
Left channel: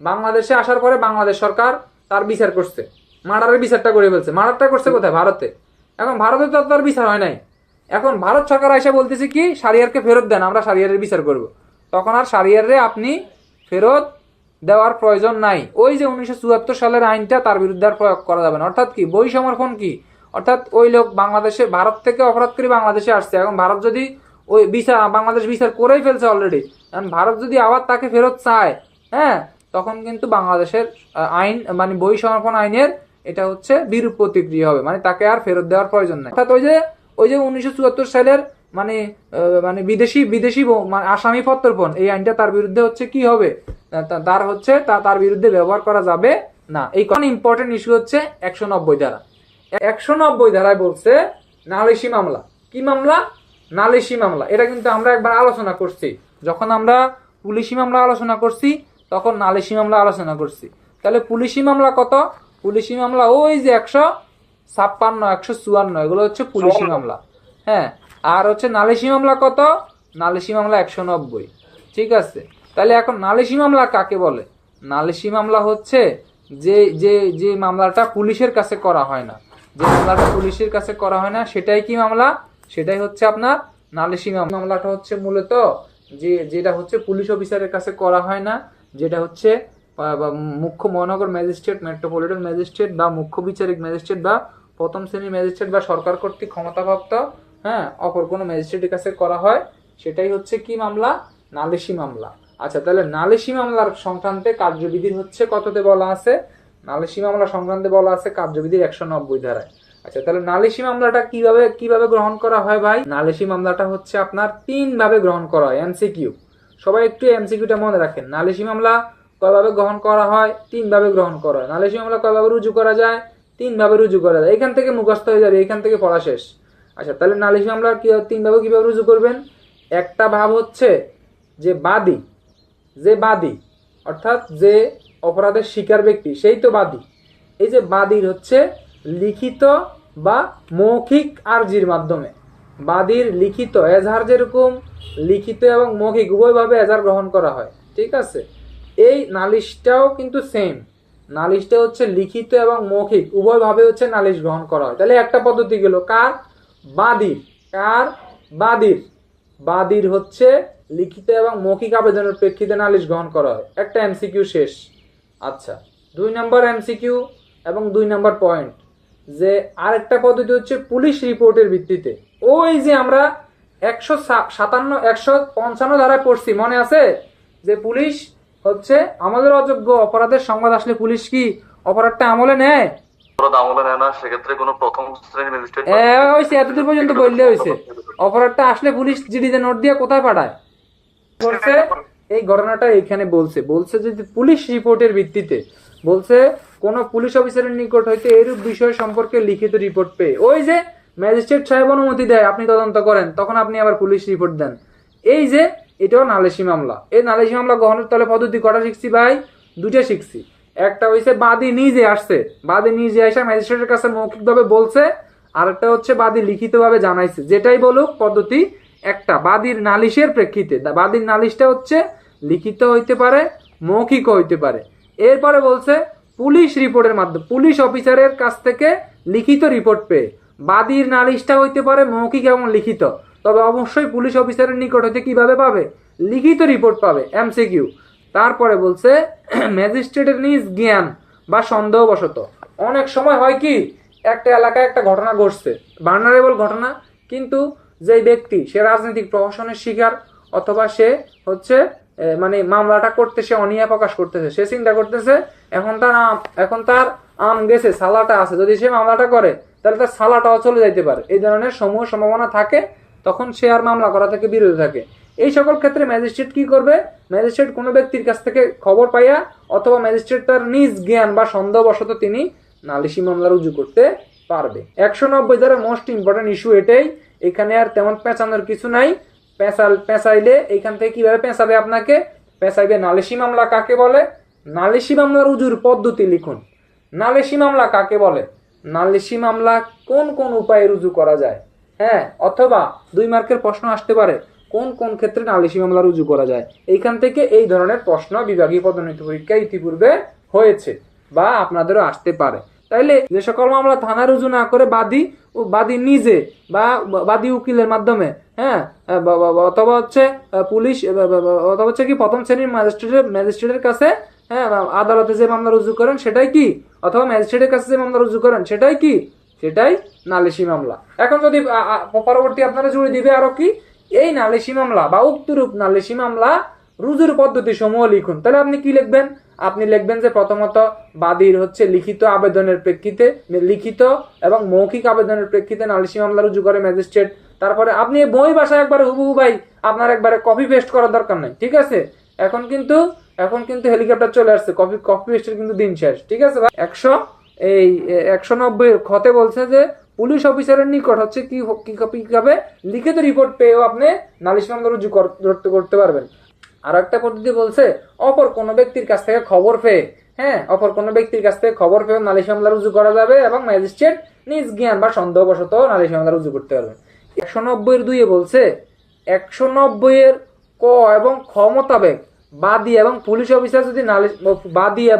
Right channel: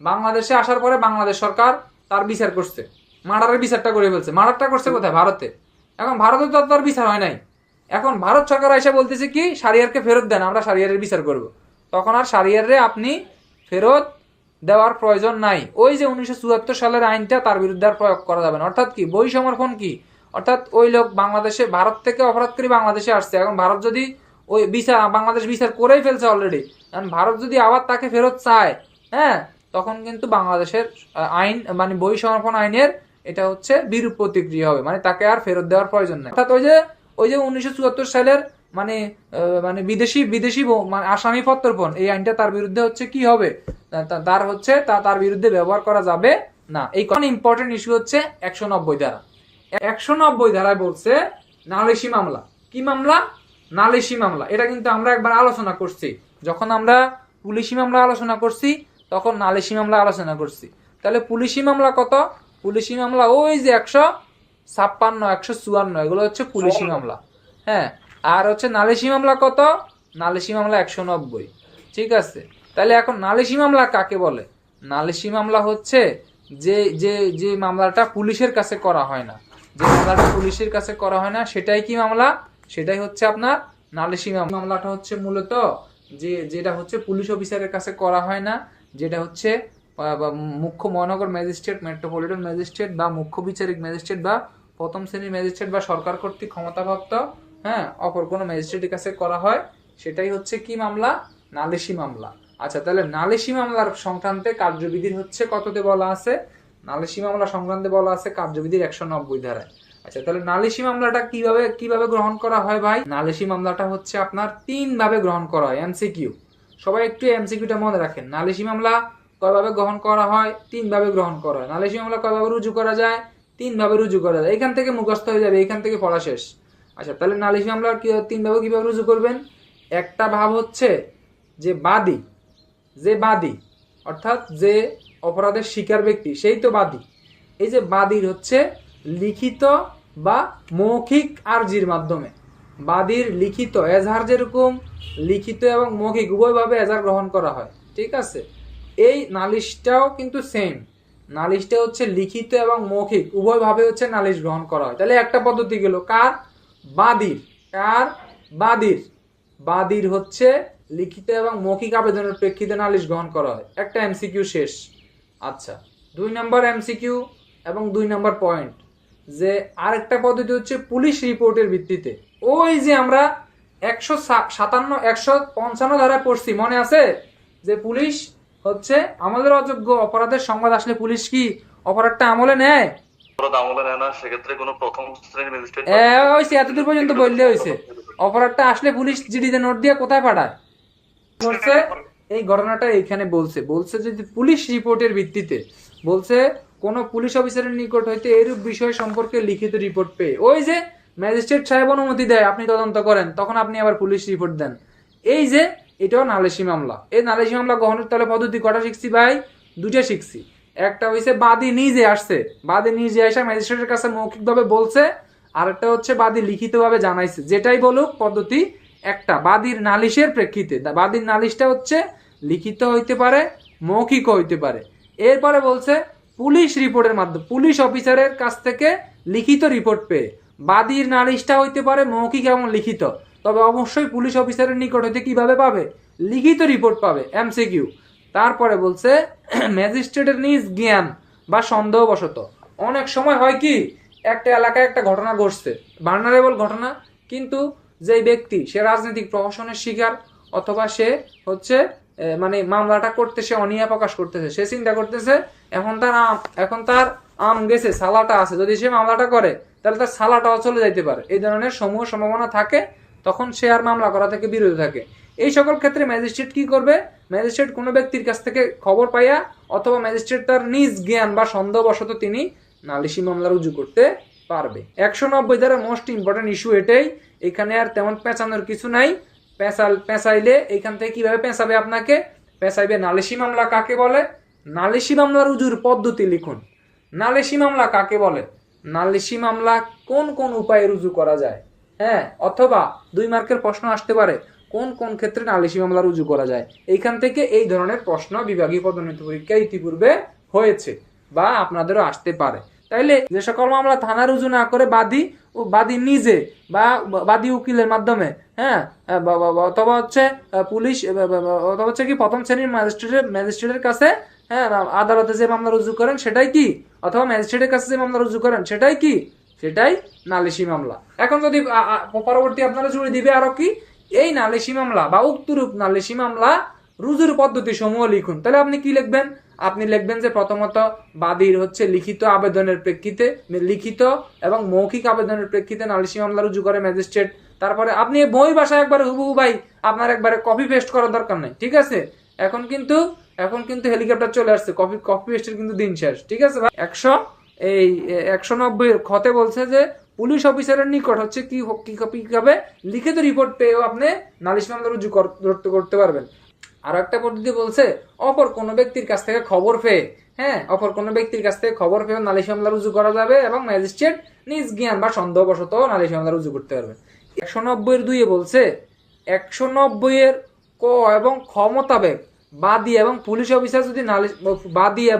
বাংলাদেশে আসার পরে বাংলাদেশ সরকার তার বিচার করছে, মার্ডারের বিচারটা করে ফেলছে। মার্ডারটা করছে কোথায়? ভারতে। এখন ভারতে তো তার বিচার হয় নাই, এখন ভারত সরকার এসে বলতেছে কি, শারিয়ারকে ফেরত দেন, আমরা শারিয়ারের বিচার করব। তখন আর শারিয়ারে আপনি ফেরত দেওয়ার প্রয়োজন নাই। ওই যে 1974 সালের আইনটা তার বিরুদ্ধে আর প্রয়োগ করা যাবে না। অর্থাৎ কি, বই সমর্পণ কি, অর্থাৎ ওই লোক বাংলাদেশে, ভারত থেকে অপরাধ করে বাংলাদেশে আসছে, এখন ভারত যদি ওই বিচার, বাংলাদেশ বিচার করেই ফেলছে অলরেডি, এখন ভারত যদি আবার তাকে ফেরত চায়, হ্যাঁ, তখন কিন্তু বাংলাদেশের আইন মানে বহিঃসমর্পণ আইনের এটা হচ্ছে বিরূপ প্রতিক্রিয়া হবে, মানে তাকে আর ফেরত দেওয়ার প্রয়োজন নেই। অর্থাৎ ওই যে 1974 সালের মানে মানে বিদেশি বিদেশি মানে আসামি প্রত্যর্পণ, এই আইনটা তার বিরুদ্ধে হচ্ছে কি হবে, তার হচ্ছে তার বিরুদ্ধে ব্যবহার করা যাবে না। এই কোন ইম্পর্টেন্ট ইস্যু হচ্ছে 190 ধারা। 190 ধারায় বলছে নালিশি মামলা। কি মামলা? নালিশি মামলা। এটা কিন্তু আমরা একবার আলোচনা করছি, যখন আমরা পুলিশি মামলা আলোচনা করছি তখন নালিশি মামলা আলোচনা করছি। তাহলে পুলিশি মামলা কত? পুলিশি মামলা ওই যে 156, 154, এগুলো হচ্ছে পুলিশি মামলা। হ্যাঁ, আর হচ্ছে নালিশি মামলা কত? নালিশি মামলা 190। ঠিক আছে, তাহলে এখন নালিশি মামলা কাকে বলে? নালিশি মামলা হচ্ছে যে যে যে মামলাটা পুলিশের কাছে করা হয় না, যে মামলাটা পুলিশের কাছে করা হয় না সেটাই কি মামলা? সেটাই হচ্ছে আপনার নালিশি মামলা। মামলাটা হচ্ছে মূলত যেটা হচ্ছে পুলিশ অফিসারের কাছে করা হয় না, যেটা হচ্ছে মুখ্য মহানগর ম্যাজিস্ট্রেট, মেট্রোপলিটন ম্যাজিস্ট্রেট বা মুখ্য বিচারিক ম্যাজিস্ট্রেট বা প্রথম শ্রেণীর ম্যাজিস্ট্রেট বা সরকার কর্তৃক ক্ষমতাপ্রাপ্ত অপর কোনো ম্যাজিস্ট্রেটের কাছে করা হয়, সেটাই হচ্ছে কি মামলা? নালিশি মামলা। আচ্ছা, তাহলে নালিশি মামলার সংক্রান্তে কার্যবিধির হচ্ছে কততে বলা আছে? নালিশি মামলা সংক্রান্তে বলা আছে কার্যবিধির 190 ধারায়। আচ্ছা, তাহলে নালিশি মামলাটা কিভাবে গ্রহণ করা হয় ভাই? নালিশি মামলাটা হচ্ছে আপনার 3 ভাবে গ্রহণ করা হয়। এমসিকিউ, সবাই একটু এমসিকিউটা মনে রাখেন। নালিশি মামলা কয়ভাবে গ্রহণ করা হয়? 3 ভাবে গ্রহণ করা হয়। নালিশি মামলা কয়ভাবে রুজু করা যায়? 3 ভাবে রুজু করা যায়। এখান থেকে মুখস্থ হয়ে যাবে, এখান থেকে পড়া শেষ। আচ্ছা, তাহলে নালিশি মামলা 3 ভাবে কিভাবে রুজু করবেন? একটা ভাব হচ্ছে যে বাদী, অর্থাৎ যে অপরাধের শিকার ব্যক্তি সেই তো বাদী। এই যে বাদীর হচ্ছে লিখিত বা মৌখিক আর্জির মাধ্যমে, বাদীর লিখিত এজাহার, যেরকম লিখিত এবং মৌখিক উভয়ভাবে এজাহার গ্রহণ করা হয়। ঠিক আছে, এই নালিশটাও কিন্তু সেম, নালিশটা হচ্ছে লিখিত এবং মৌখিক উভয়ভাবে হচ্ছে নালিশ গ্রহণ করা হয়। তাহলে একটা পদ্ধতি গেল কার? বাদীর। কার? বাদীর। বাদীর হচ্ছে লিখিত এবং মৌখিক আবেদনের প্রেক্ষিতে নালিশ গ্রহণ করা হয়। একটা এমসিকিউ শেষ। আচ্ছা, 2 নম্বর এমসিকিউ এবং 2 নম্বর পয়েন্ট, যে আরেকটা পদ্ধতি হচ্ছে পুলিশ রিপোর্টের ভিত্তিতে। ওই যে আমরা 157, 155 ধারায় পড়ছি, মনে আছে? যে পুলিশ হচ্ছে আমাদের অযোগ্য অপরাধের সংবাদ আসলে পুলিশ কি অপরাধটা আমলে নেয়? আমলে নেয় না, সেক্ষেত্রে কোনো প্রথম শ্রেণীর ম্যাজিস্ট্রেট হয়েছে, এতদূর পর্যন্ত বললে হয়েছে। অপরাধটা আসলে পুলিশ জিডিতে নোট দিয়ে কোথায় পাঠায়? বলছে এই ঘটনাটা এখানে বলছে যে পুলিশ রিপোর্টের ভিত্তিতে, বলছে কোন পুলিশ অফিসারের নিকট হইতে এরূপ বিষয় সম্পর্কে লিখিত রিপোর্ট পেয়ে, ওই যে ম্যাজিস্ট্রেট সাহেব অনুমতি দেয় আপনি তদন্ত করেন, তখন আপনি আবার পুলিশ রিপোর্ট দেন। এই যে এটাও নালিশি মামলা। এই নালিশি মামলা গ্রহণের তাহলে পদ্ধতি কটা শিখছি ভাই? 2টা শিখছি। একটা হইছে বাদী নিজে আসছে, বাদী নিজে আসা ম্যাজিস্ট্রেটের কাছে মৌখিকভাবে বলছে, আর একটা হচ্ছে বাদী লিখিতভাবে জানাইছে। যেটাই বলুক পদ্ধতি একটা, বাদীর নালিশের প্রেক্ষিতে। বাদীর নালিশটা হচ্ছে লিখিত হইতে পারে, মৌখিক হইতে পারে। এরপরে বলছে পুলিশ রিপোর্টের মাধ্যমে, পুলিশ অফিসারের কাছ থেকে লিখিত রিপোর্ট পেয়ে। বাদীর নালিশটা হইতে পারে মৌখিক এবং লিখিত, তবে অবশ্যই পুলিশ অফিসারের নিকট হইতে কিভাবে পাবে? লিখিত রিপোর্ট পাবে। এমসিকিউ। তারপরে বলছে ম্যাজিস্ট্রেটের নিজ জ্ঞান বা সন্দেহবশত। অনেক সময় হয় কি, একটা এলাকায় একটা ঘটনা ঘটছে, ভালনারেবল ঘটনা, কিন্তু যে ব্যক্তি সে রাজনৈতিক প্রহসনের শিকার, অথবা সে হচ্ছে মানে মামলাটা করতে সে অনীহা প্রকাশ করতেছে, সে চিন্তা করতেছে এখন তার আম গেছে, সালাটা আছে, যদি সে মামলাটা করে তাহলে তার সালাটাও চলে যাইতে পারে, এই ধরনের সমূহ সম্ভাবনা থাকে, তখন সে আর মামলা করা থেকে বিরত থাকে। এই সকল ক্ষেত্রে ম্যাজিস্ট্রেট কি করবে? ম্যাজিস্ট্রেট কোনো ব্যক্তির কাছ থেকে খবর পাইয়া অথবা ম্যাজিস্ট্রেট তার নিজ জ্ঞান বা সন্দেহবশত তিনি নালিশি মামলা রুজু করতে পারবে। 190 ধারা মোস্ট ইম্পর্টেন্ট ইস্যু এটাই, এখানে আর তেমন পেঁচানোর কিছু নাই। পেঁচাইলে এখান থেকে কিভাবে পেঁচাবে আপনাকে? পেঁচাইবে নালিশি মামলা কাকে বলে, নালিশি মামলা রুজুর পদ্ধতি লিখুন। নালিশি মামলা কাকে বলে, নালিশি মামলা কোন কোন উপায়ে রুজু করা যায়, অথবা 2 মার্কের প্রশ্ন আসতে পারে কোন কোন ক্ষেত্রে নালিশি মামলা রুজু করা যায়। এইখান থেকে এই ধরনের প্রশ্ন বিভাগীয় পদোন্নতি পরীক্ষায় ইতিপূর্বে হয়েছে বা আপনাদেরও আসতে পারে। তাইলে যে সকল মামলা থানা রুজু না করে বাদী নিজে বা বাদী উকিলের মাধ্যমে, অথবা হচ্ছে পুলিশ, অথবা হচ্ছে কি প্রথম শ্রেণীর ম্যাজিস্ট্রেটের কাছে, আদালতে যে মামলা রুজু করেন সেটাই কি, অথবা ম্যাজিস্ট্রেটের কাছে যে মামলা রুজু করেন সেটাই কি সেটাই নালিশি মামলা। এখন যদি পরবর্তী আপনারা জুড়ে দিবে আরো কি, এই নালিশি মামলা বা উক্তরূপ নালিশি মামলা রুজুর পদ্ধতি সমূহ লিখুন। তাহলে আপনি কি লিখবেন? আপনি লিখবেন যে প্রথমত বাদীর হচ্ছে লিখিত আবেদনের প্রেক্ষিতে, লিখিত এবং মৌখিক আবেদনের প্রেক্ষিতে নালিশি মামলা রুজু করে ম্যাজিস্ট্রেট। তারপরে আপনি বই ভাষায় একবারে হুবহু ভাই, আপনার একবারে কপি পেস্ট করার দরকার নাই, ঠিক আছে? এখন কিন্তু হেলিকপ্টার চলে আসছে, কপি পেস্টের কিন্তু দিন শেষ, ঠিক আছে ভাই? 190 খতে বলছে যে পুলিশ অফিসারের নিকট হচ্ছে কিভাবে লিখিত রিপোর্ট পেয়েও আপনি নালিশ মামলা রুজু করতে পারবেন। আর একটা পদ্ধতি বলছে অপর কোনো ব্যক্তির কাছ থেকে খবর পেয়ে, অপর কোনো ব্যক্তির কাছ থেকে খবর পেয়ে নালিশ মামলা রুজু করা যাবে এবং ম্যাজিস্ট্রেট নিজ জ্ঞান বা সন্দেহবশত নালিশ মামলা রুজু করতে পারবেন। 190 বলছে 190 ক এবং খ মোতাবেক বাদী এবং পুলিশ অফিসার যদি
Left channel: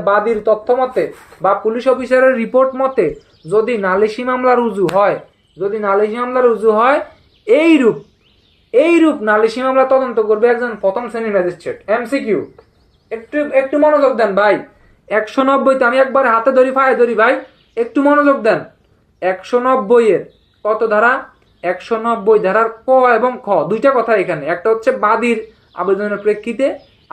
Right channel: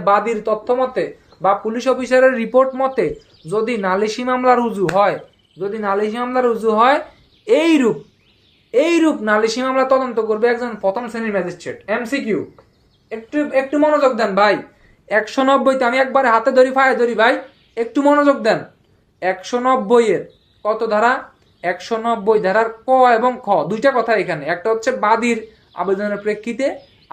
বাদীর তথ্য মতে বা পুলিশ অফিসারের রিপোর্ট মতে যদি নালিশি মামলা রুজু হয় এইরূপ নালিশি মামলা তদন্ত করবে একজন প্রথম শ্রেণীর ম্যাজিস্ট্রেট। এমসিকিউ, একটু মনোযোগ দেন ভাই। 190 আমি একবার হাতে ধরি পায়ে ধরি ভাই, একটু মনোযোগ দেন। 190 কত ধারা? 190 ধারার ক এবং খ দুইটা কথা এখানে, একটা হচ্ছে বাদীর আবেদনের প্রেক্ষিতে,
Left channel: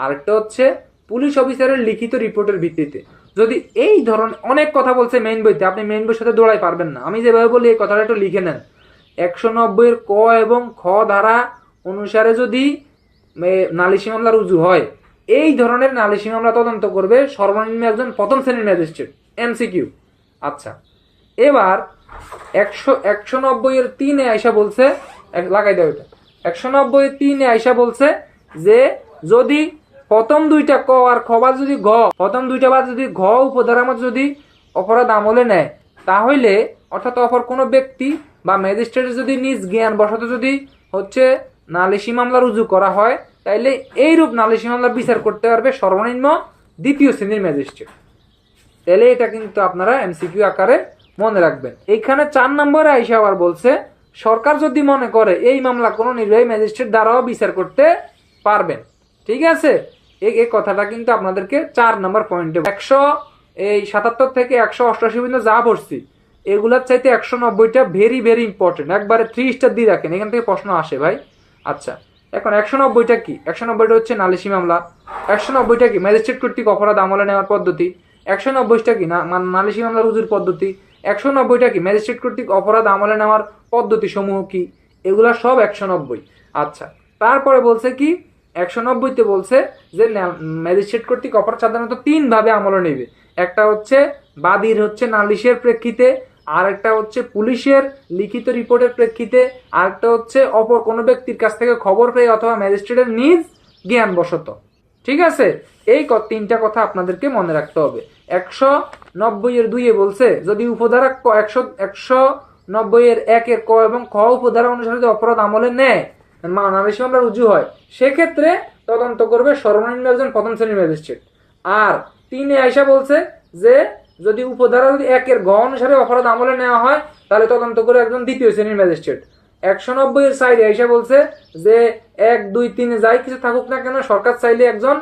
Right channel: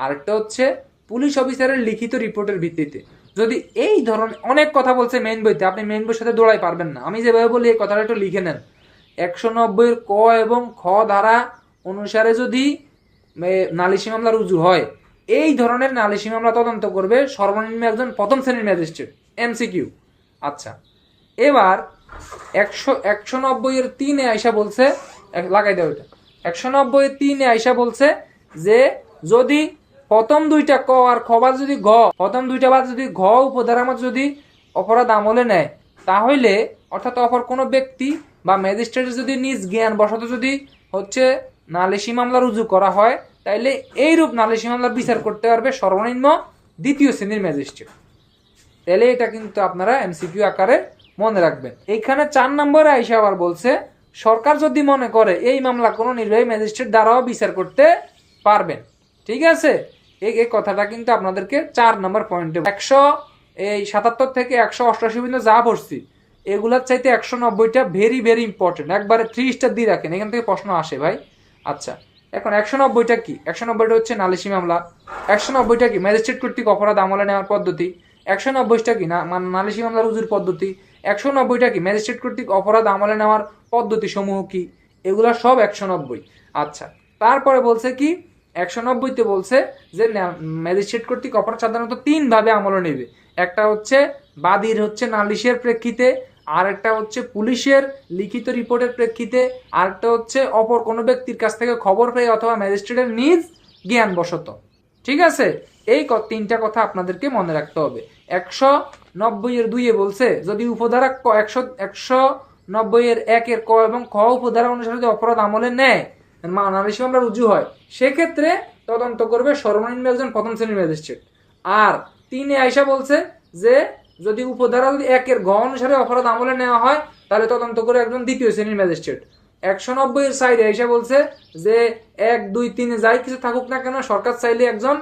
আরেকটা হচ্ছে পুলিশ অফিসারের লিখিত রিপোর্টের ভিত্তিতে। যদি এই ধরনের অনেক কথা বলছে মেইন বইতে, আপনি মেইন বইয়ের সাথে দৌড়াই পারবেন না, আমি যেভাবে বলি এই কথাটা একটু লিখে নেন। 190 ক এবং খ ধারা অনুসারে যদি নালিশি মামলা রুজু হয়, এই ধরনের নালিশি মামলা তদন্ত করবে সর্বনিম্ন একজন প্রথম শ্রেণীর ম্যাজিস্ট্রেট। এমসিকিউ। আচ্ছা, এবার 190-3 আইসা বলছে, লাগাই দাও এটা। 190-3 আইসা বলছে যে যদি প্রথম দুইটা ক আর খ বাদ যদি ঘ উপধারার মধ্যে যদি অপরাধ আমলে নেয়, তাহলে অর্থাৎ অপর কোনো ব্যক্তি বা ম্যাজিস্ট্রেট যদি নিজ জ্ঞান বশত যদি হচ্ছে নালিশি মামলা রুজু করা হয়, তাইলে এইরূপ নালিশি মামলা বিচার করতে পারবে সর্বনিম্ন দ্বিতীয় শ্রেণীর ম্যাজিস্ট্রেট। তাহলে এটা কিন্তু আপনারা এমসিকিউ আকারে মনে রাখবেন। এইখানে 4 নম্বরে আইসা আবার বলছে সরকার যদি মনে করে এই মামলা কোনো নির্বাহী ম্যাজিস্ট্রেট দ্বারাও বিচার করতে পারবেন, ঠিক আছে? এই কথাটা কিন্তু আপনাদেরকে 4 নম্বর পয়েন্টে 177 থেকে 188 পর্যন্ত যা পড়ছি এগুলার চাইতে 190টা ভেরি ভেরি ইম্পর্টেন্ট, একবারে 3 স্টার দিয়ে রাখেন, এখান থেকে প্রশ্ন আসে ভাই। আচ্ছা, এখন 190টা কি? 190টা হচ্ছে নালিশি মামলা। 190টা কি? ম্যাজিস্ট্রেট কর্তৃক অপরাধ আমলে নেওয়ার পদ্ধতি। 190টা কি? নালিশি মামলা রুজুর পদ্ধতি। 190টা কি? ম্যাজিস্ট্রেট কর্তৃক অপরাধ আমলে নেওয়ার পদ্ধতি সমূহ কি? এগুলা সব 190। আচ্ছা, তারপরে বলছে কি 190তে বলছে যে ম্যাজিস্ট্রেট কর্তৃক অপরাধ সাধারণত 3 ভাবে আমলে নেবে। একটা হচ্ছে বাদীর হচ্ছে নালিশের প্রেক্ষিতে, আর একটা হচ্ছে পুলিশের লিখিত রিপোর্টের প্রেক্ষিতে, আর একটা হচ্ছে অপর কোনো ব্যক্তির কাছ থেকে খবর পেয়ে অথবা ম্যাজিস্ট্রেটের নিজ জ্ঞান বশত। ঠিক আছে, এই 3টা কথা আপনাদেরকে মনে রাখতে হবে। 190-2 বলছে যদি উপধারা 190-1 ক এবং খ উপধারা অনুসারে যদি অপরাধ আমলে নেয়, নালিশি মামলা রুজু হয়, সেক্ষেত্রে তদন্ত করবে সর্বনিম্ন একজন প্রথম শ্রেণীর ম্যাজিস্ট্রেট। আর 3 আইসা বলছে যে যদি উপধারা 1 ঘ অনুসারে অপরাধ আমলে নেওয়া হয়, তাহলে তদন্ত করে একজন দ্বিতীয় শ্রেণীর ম্যাজিস্ট্রেট। 190 সাইডে আইসা বলছে যে 1, 2, 3 যাই কিছু থাকুক না কেন, সরকার চাইলে একজন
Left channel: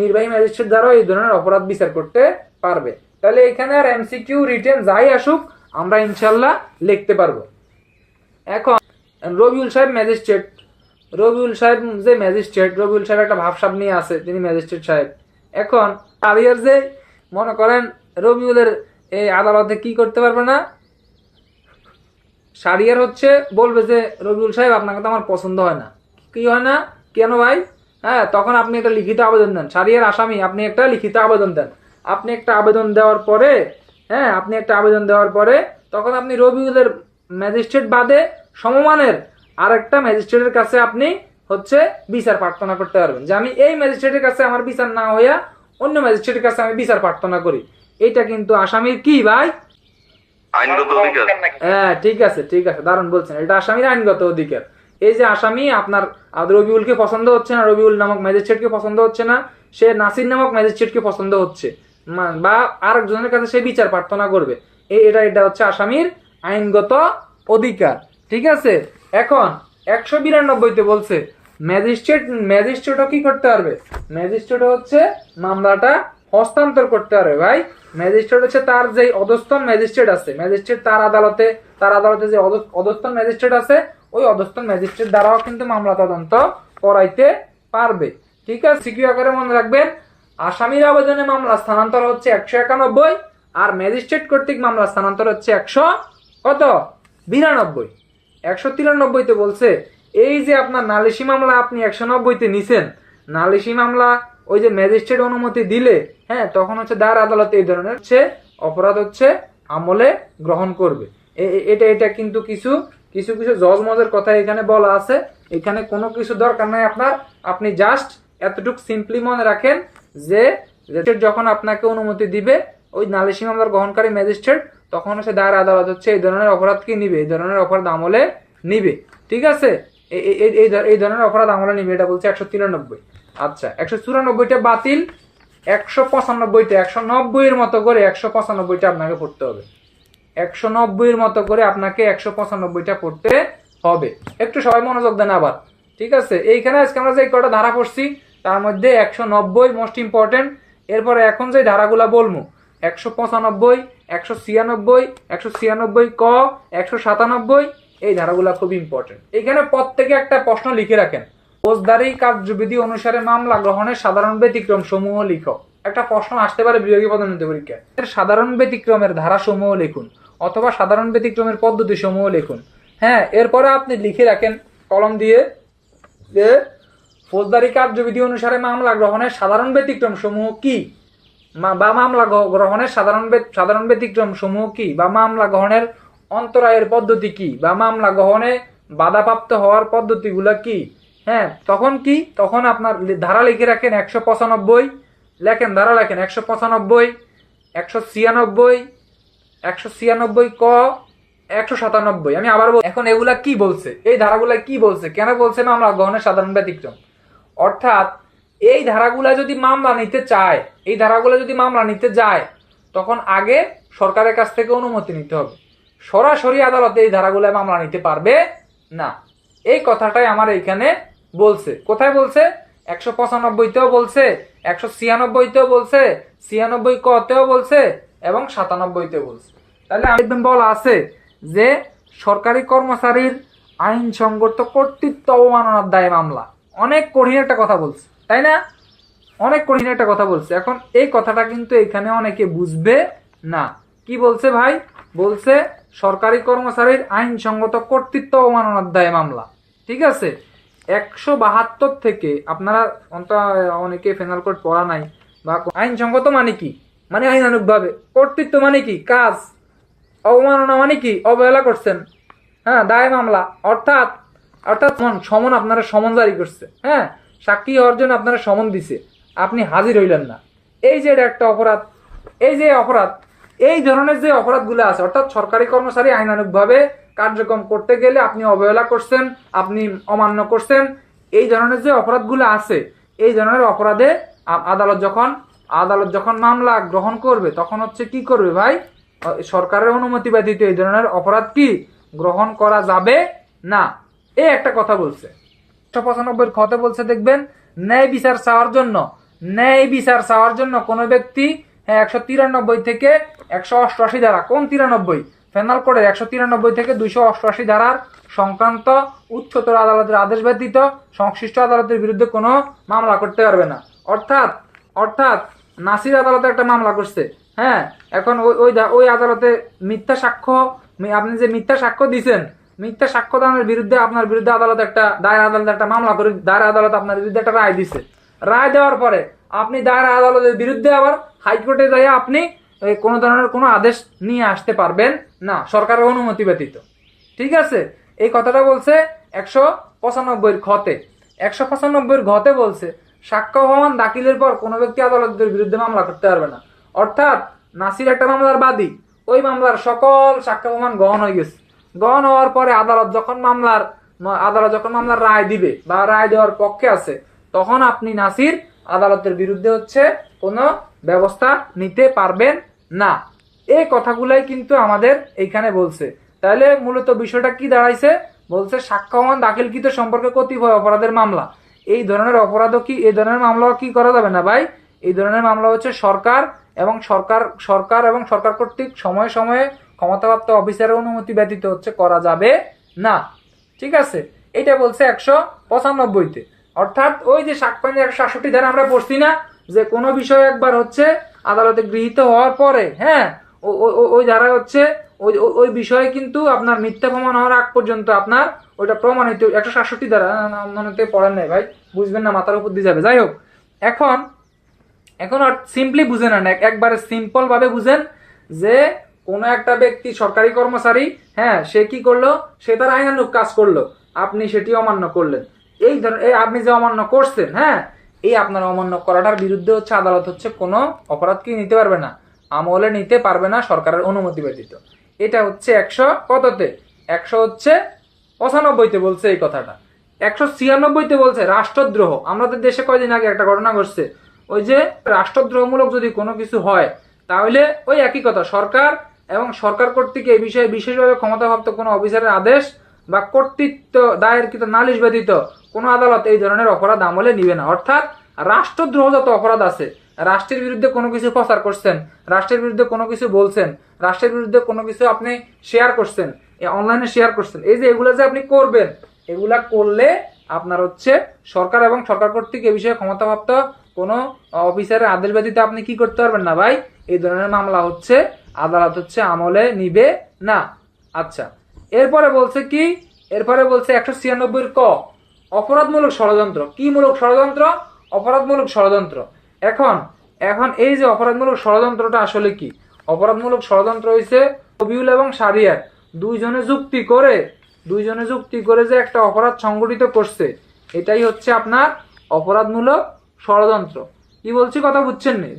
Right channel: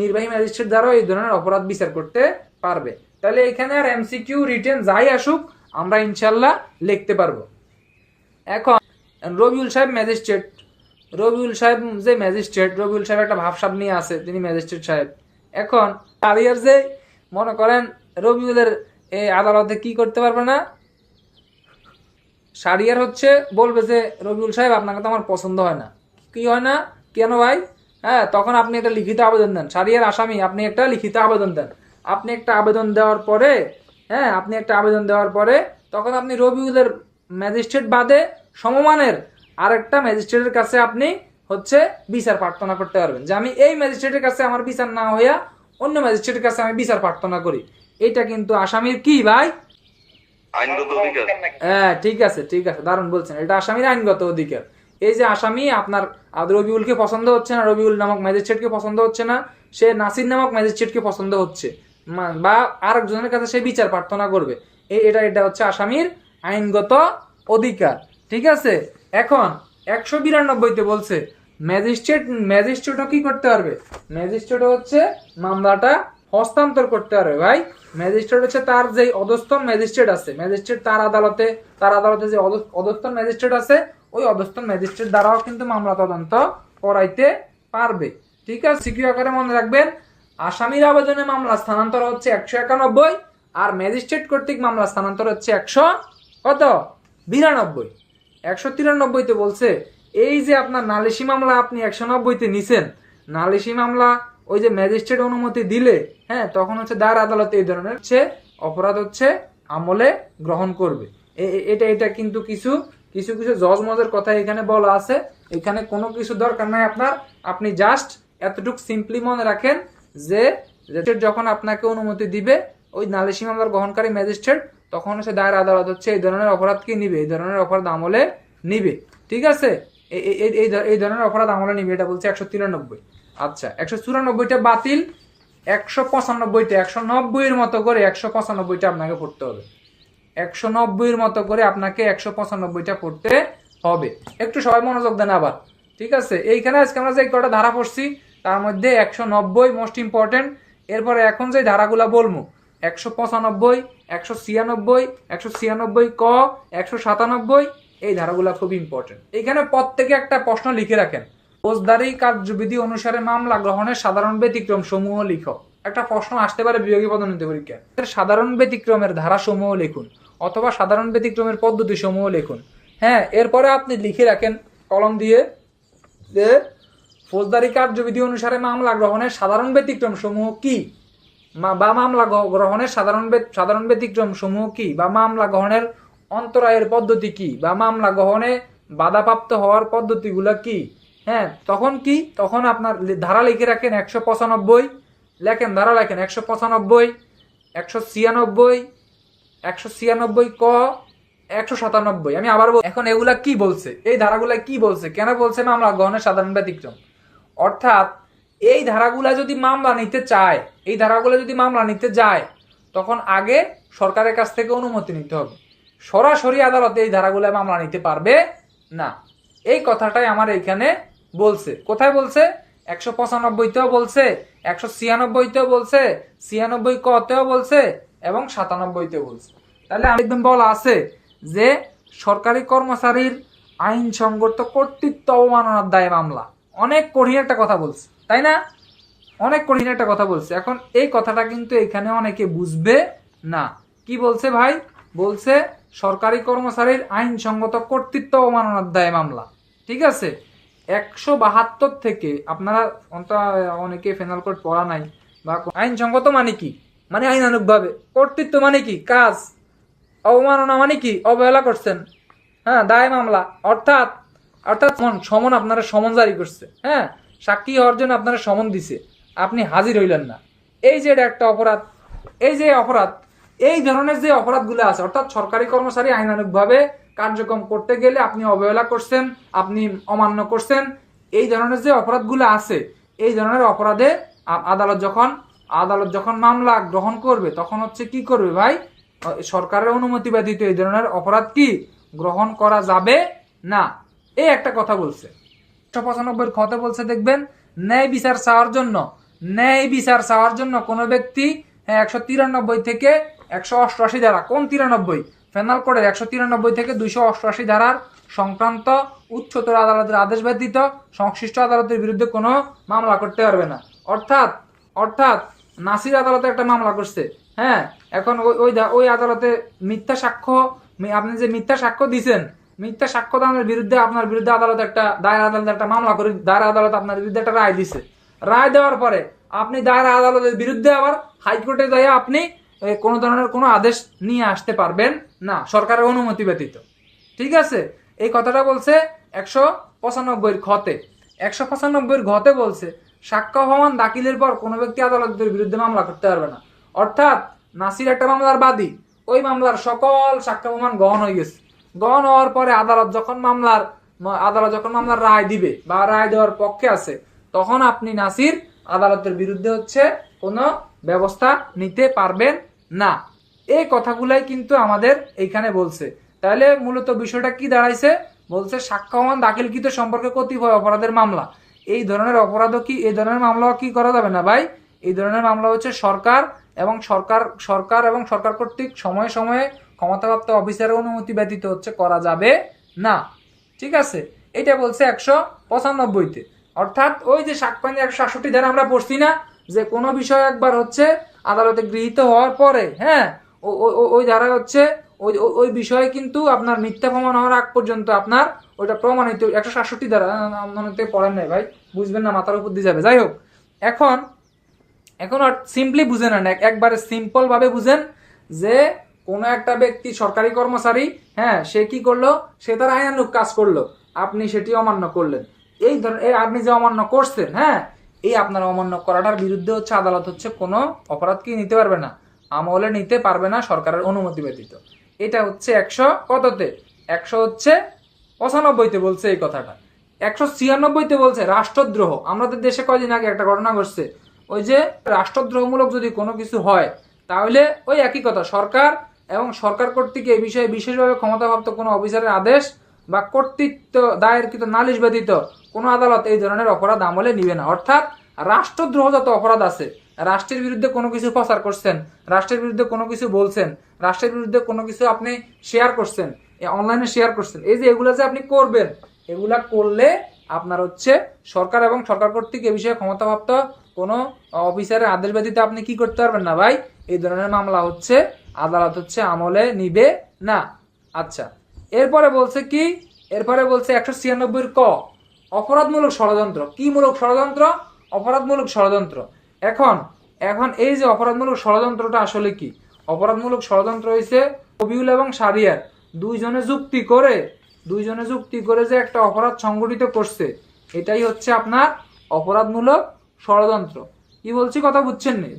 নির্বাহী ম্যাজিস্ট্রেট দ্বারাও এই ধরনের অপরাধ বিচার করতে পারবে। তাহলে এখানে আর এমসিকিউ রিটেন যাই আসুক আমরা ইনশাল্লাহ লিখতে পারবো। এখন রবিউল সাহেব একটা ভাবসাব নিয়ে আছে, তিনি ম্যাজিস্ট্রেট সাহেব। এখন আলিয়ার যে মনে করেন রবিউলের এই আদালতে কি করতে পারবে না, সারিয়ার হচ্ছে বলবে যে রবিউল সাহেব আপনাকে তো আমার পছন্দ হয় না। কি হয় না কেন ভাই? তখন আপনি একটা লিখিত আবেদন দেন, সারিয়ার আসামি আপনি একটা লিখিত আবেদন দেন। আপনি একটা আবেদন দেওয়ার পরে তখন আপনি রবিউলের ম্যাজিস্ট্রেট বাদে সমমানের আরেকটা ম্যাজিস্ট্রেটের কাছে আপনি হচ্ছে বিচার প্রার্থনা করতে পারবেন যে আমি এই ম্যাজিস্ট্রেটের কাছে আমার বিচার না হইয়া অন্য ম্যাজিস্ট্রেটের কাছে আমি বিচার প্রার্থনা করি। এটা কিন্তু আসামির কি ভাই? আইনগত অধিকার। হ্যাঁ, ঠিক আছে, দারুণ বলছেন, এটা আসামির আইনগত অধিকার। এই যে আসামি আপনার রবিউলকে পছন্দ হচ্ছে না, রবিউল নামক ম্যাজিস্ট্রেটকে পছন্দ হচ্ছে না, সে নাসির নামক ম্যাজিস্ট্রেটকে পছন্দ হচ্ছে, বা আরেকজনের কাছে সে বিচার প্রার্থনা করবে, এটা হচ্ছে আসামির আইনগত অধিকার। ঠিক আছে, এখন 192-তে বলছে ম্যাজিস্ট্রেটও কি করতে পারবে? ম্যাজিস্ট্রেট হচ্ছে মামলাটা হস্তান্তর করতে পারবে ভাই। ম্যাজিস্ট্রেট হচ্ছে তার যে অধস্তন ম্যাজিস্ট্রেট আছে, ম্যাজিস্ট্রেট তার আদালতে যে অধস্তন ম্যাজিস্ট্রেট আছে, ওই অধস্তন ম্যাজিস্ট্রেট দ্বারাও কিন্তু মামলা তদন্ত করাইতে পারবে। ঠিক আছে, সিকিউ আকারে মনে রাখবেন, আসামির আবেদনে মামলা স্থানান্তর হচ্ছে 191, আর ম্যাজিস্ট্রেট কর্তৃক মামলা স্থানান্তর হচ্ছে 193তে বলছে এই যে আপনার নালিশি মামলা আপনি 190তে নিছেন, নালিশি মামলা ওই যে ম্যাজিস্ট্রেট অনুমতি দিলে, হ্যাঁ, তখন হচ্ছে দায়ের আদালতে এই ধরনের হচ্ছে অপরাধ হচ্ছে আমলে গ্রহণ করবে। এটা কিন্তু কিছু কিছু কিছু জজ মজের কথা এখানে বলা আছে। এখানে কোনো কিছু দরকার নাই আপনার, আপনি জাস্ট এতটুকু সিম্পলি মনে রাখেন যে যখন আপনাকে অনুমতি দিবে ওই নালিশি মামলার গ্রহণকারী ম্যাজিস্ট্রেট, তখন হচ্ছে দায়ের আদালত হচ্ছে এই ধরনের অপরাধ কি নিবে, এই ধরনের অপরাধ আমলে নিবে। ঠিক আছে, এই ধরনের অপরাধ আমলে নিবে, এটা বলছে 193। আচ্ছা, 194টা বাতিল, 195টা 190-এর মতো করে 195টা আপনাকে পড়তে হবে। 190-এর মতো করে আপনাকে 195টা পড়তে হবে। একটু সবাই মনোযোগ দেন আবার। ঠিক আছে, এইখানে আজকে আমরা যে কটা ধারা পড়ছি তার মধ্যে 190 মোস্ট ইম্পর্টেন্ট। এরপরে এখন যে ধারাগুলা বলবো 195, 196, 196 ক, 197, এই ধারাগুলা খুব ইম্পর্টেন্ট। এখানে প্রত্যেকে একটা প্রশ্ন লিখে রাখেন, ফৌজদারি কার্যবিধি অনুসারে মামলা গ্রহণের সাধারণ ব্যতিক্রম সমূহ লিখো। একটা প্রশ্ন আসতে পারে বিভাগীয় পদোন্নতি পরীক্ষায়, সাধারণ ব্যতিক্রমের ধারা সমূহ লিখুন অথবা সাধারণ ব্যতিক্রমের পদ্ধতি সমূহ লিখুন। হ্যাঁ, এরপরে আপনি লিখে রাখেন কলম দিয়ে যে ফৌজদারি কার্যবিধি অনুসারে মামলা গ্রহণের সাধারণ ব্যতিক্রম সমূহ কি, বা মামলা গ্রহণের সাধারণ ব্যতিক্রম সমূহ কি, বা মামলা গ্রহণের অন্তরায়ের পদ্ধতি কি, বা মামলা গ্রহণে বাধাপ্রাপ্ত হওয়ার পদ্ধতিগুলো কি। হ্যাঁ, তখন কি, তখন আপনার ধারা লিখে রাখেন 195, লেখেন ধারা লেখেন 195, 196, 196 ক, 197। আমি আবার এখন এগুলা কি বলছে, এই ধারাগুলা কি বলছে, কেন বলছে মামলা গ্রহণের সাধারণ ব্যতিক্রম। অর্থাৎ এই ধারাগুলা যদি মামলা নিতে চায়, এই ধারাগুলা যদি মামলা নিতে যায়, তখন আগে সরকারের কাছ থেকে অনুমতি নিতে হবে। সরাসরি আদালতে এই ধারাগুলা মামলা নিতে পারবে না। এই কথাটাই আমার এইখানে বলছে। কোথায় বলছে? 195তেও বলছে, 196তেও বলছে, 96 কতেও বলছে এবং 97তেও বলছে। তাহলে একদম বলা আছে যে সরকারি কর্মচারীর আইনসঙ্গত কর্তৃত্ব অবমাননার দায়ে মামলা। অনেক কঠিন একটা কথা বলছে, তাই না? অনেক কঠিন একটা কথা বলছে। এখন এই কথাটা কিন্তু এখানে অনেকে বুঝবে না। কি বলছে ভাই? বলছে সরকারি কর্মচারীর আইনসঙ্গত কর্তৃত্ব অবমাননার দায়ে মামলা। ঠিক আছে, 172 থেকে আপনারা অনেকে ফেনাল কোড পড়া নাই, বা আইনসঙ্গত মানে কি, মানে আইনানুগভাবে, কর্তৃত্ব মানে কি, কাজ, অবমাননা মানে কি, অবহেলা করছেন, হ্যাঁ, দায় মামলা। অর্থাৎ সমন আপনারা সমন জারি করছে, হ্যাঁ, সাক্ষী হওয়ার জন্য আপনারা সমন দিছে, আপনি হাজির হইলেন না, এই যে এটা একটা অপরাধ। এই যে অপরাধ, এই ধরনের যে অপরাধগুলো আছে, অর্থাৎ সরকারি কর্মচারী আইনানুগভাবে কার্যক্রম করতে গেলে আপনি অবহেলা করছেন, আপনি অমান্য করছেন, এই ধরনের যে অপরাধগুলো আছে, এই ধরনের অপরাধে আদালত যখন মামলা গ্রহণ করবে, তখন হচ্ছে কি করবে ভাই? সরকারের অনুমতি ব্যতীত এই ধরনের অপরাধ কি গ্রহণ করা যাবে না। এই একটা কথা বলছে। 195 খতে বলছে, দেখবেন, ন্যায় বিচার চাওয়ার জন্য কোনো ব্যক্তি 193 থেকে 188 ধারা, কোন 93? পেনাল কোডের 193 থেকে 288 ধারার সংক্রান্ত উচ্চতর আদালতের আদেশ ব্যতীত সংশ্লিষ্ট আদালতের বিরুদ্ধে কোনো মামলা করতে পারবে না। অর্থাৎ নাসির আদালতে একটা মামলা করছে, হ্যাঁ, এখন ওই আদালতে মিথ্যা সাক্ষ্য, আপনি যে মিথ্যা সাক্ষ্য দিচ্ছেন, মিথ্যা সাক্ষ্য দানের বিরুদ্ধে আপনার বিরুদ্ধে দায়ের আদালতে একটা মামলা করে, দায়ের আদালত আপনার বিরুদ্ধে একটা রায় দিছে। রায় দেওয়ার পরে আপনি দায়ের আদালতের বিরুদ্ধে আবার হাইকোর্টে যাই আপনি কোনো ধরনের কোনো আদেশ নিয়ে আসতে পারবেন না সরকারের অনুমতি ব্যতীত। ঠিক আছে, এই কথাটা বলছে 195 খতে। 195 ঘতে বলছে সাক্ষ্য প্রমাণ দাখিলের পর কোনো ব্যক্তি আদালতের বিরুদ্ধে মামলা করতে পারবে না। অর্থাৎ নাসির একটা মামলার বাদী, ওই মামলার সকল সাক্ষ্য প্রমাণ গ্রহণ হয়ে গেছে। গ্রহণ হওয়ার পরে আদালত যখন মামলার রায় দিবে বা রায় দেওয়ার পক্ষে আছে, তখন আপনি নাসির আদালতের বিরুদ্ধে হচ্ছে কোনো ব্যবস্থা নিতে পারবেন না। এই কথাগুলাই কিন্তু আমাদের এইখানে বলছে। তাহলে মূলত বিষয়টা কি দাঁড়াইছে? বলছে সাক্ষ্য প্রমাণ দাখিলকৃত সম্পর্কে কতিপয় অপরাধের মামলা, এই ধরনের অপরাধও কি, এই ধরনের মামলাও কি করা যাবে না ভাই? এই ধরনের মামলা হচ্ছে সরকার এবং সরকার কর্তৃক সময়ে সময়ে ক্ষমতাপ্রাপ্ত অফিসারের অনুমতি ব্যতীত হচ্ছে করা যাবে না। ঠিক আছে, এটা বলছে 195-তে। অর্থাৎ ওই যে সাকপাইনি 167 ধারা আমরা পড়ছি না, যে কোনো বিষয় একবার হচ্ছে আদালতে গৃহীত হওয়ার পরে, হ্যাঁ, ওই ধারা হচ্ছে ওই বিষয়ে কিন্তু আপনার মিথ্যা প্রমাণ হওয়ার আগ পর্যন্ত আপনার ওইটা প্রমাণিত। 167 ধারা মনে পড়েন নাই ভাই, বুঝবেন না, মাথার উপর দিয়ে যাবে। যাই হোক, এখন সিম্পলি বুঝেন না, একবারে সিম্পল ভাবে বুঝেন যে কোনো একটা ব্যক্তি সরকারি কর্মচারী, হ্যাঁ, সে কি করলো, সে তার আইনানুগ কাজ করলো, আপনি সেটি অমান্য করলেন। এই আপনি যে অমান্য করছেন, হ্যাঁ, এই আপনার অমান্য করাটার বিরুদ্ধে হচ্ছে আদালত হচ্ছে কোনো অপরাধ কি নিতে পারবে না, আমলে নিতে পারবে না সরকারের অনুমতি ব্যতীত। এটা হচ্ছে 195-তে বলছে এই কথাটা। 196-তে বলছে রাষ্ট্রদ্রোহ। আমাদের দেশে কয়দিন আগে একটা ঘটনা ঘটছে, ওই যে রাষ্ট্রদ্রোহমূলক যদি কোনো কিছু হয়, তাহলে ওই একই কথা, সরকার এবং সরকার কর্তৃক এই বিষয়ে বিশেষভাবে ক্ষমতাপ্রাপ্ত কোনো অফিসারের আদেশ বা কর্তৃত্ব দায়েরকৃত নালিশ ব্যতীত কোনো আদালত এই ধরনের অপরাধ আমলে নিবে না। অর্থাৎ রাষ্ট্রদ্রোহ যত অপরাধ আছে, রাষ্ট্রের বিরুদ্ধে কোনো কিছু প্রচার করছেন, রাষ্ট্রের বিরুদ্ধে কোনো কিছু বলছেন, রাষ্ট্রের বিরুদ্ধে কোনো কিছু আপনি শেয়ার করছেন, অনলাইনে শেয়ার করছেন, এই যে এগুলো যে আপনি করবেন, এগুলা করলে আপনার হচ্ছে সরকার এবং সরকার কর্তৃক এই বিষয়ে ক্ষমতাপ্রাপ্ত কোনো অফিসারের আদেশ ব্যতীত আপনি কি করতে পারবেন না ভাই, এই ধরনের মামলা হচ্ছে আদালত হচ্ছে আমলে নিবে না। আচ্ছা, এরপরে বলছে কি, এরপরে বলছে 196-ক অপরাধমূলক ষড়যন্ত্র। কি মূলক ষড়যন্ত্র? অপরাধমূলক ষড়যন্ত্র। এখন এই যে অপরাধমূলক ষড়যন্ত্রটা আসলে কি? অপরাধমূলক ষড়যন্ত্র হইছে রবিউল এবং শাহরিয়ার দুইজনে যুক্তি করে যে একটা অপরাধ সংগঠিত করছে, এটাই হচ্ছে আপনার অপরাধমূলক ষড়যন্ত্র। কি বলছি কথা বুঝছেন নি?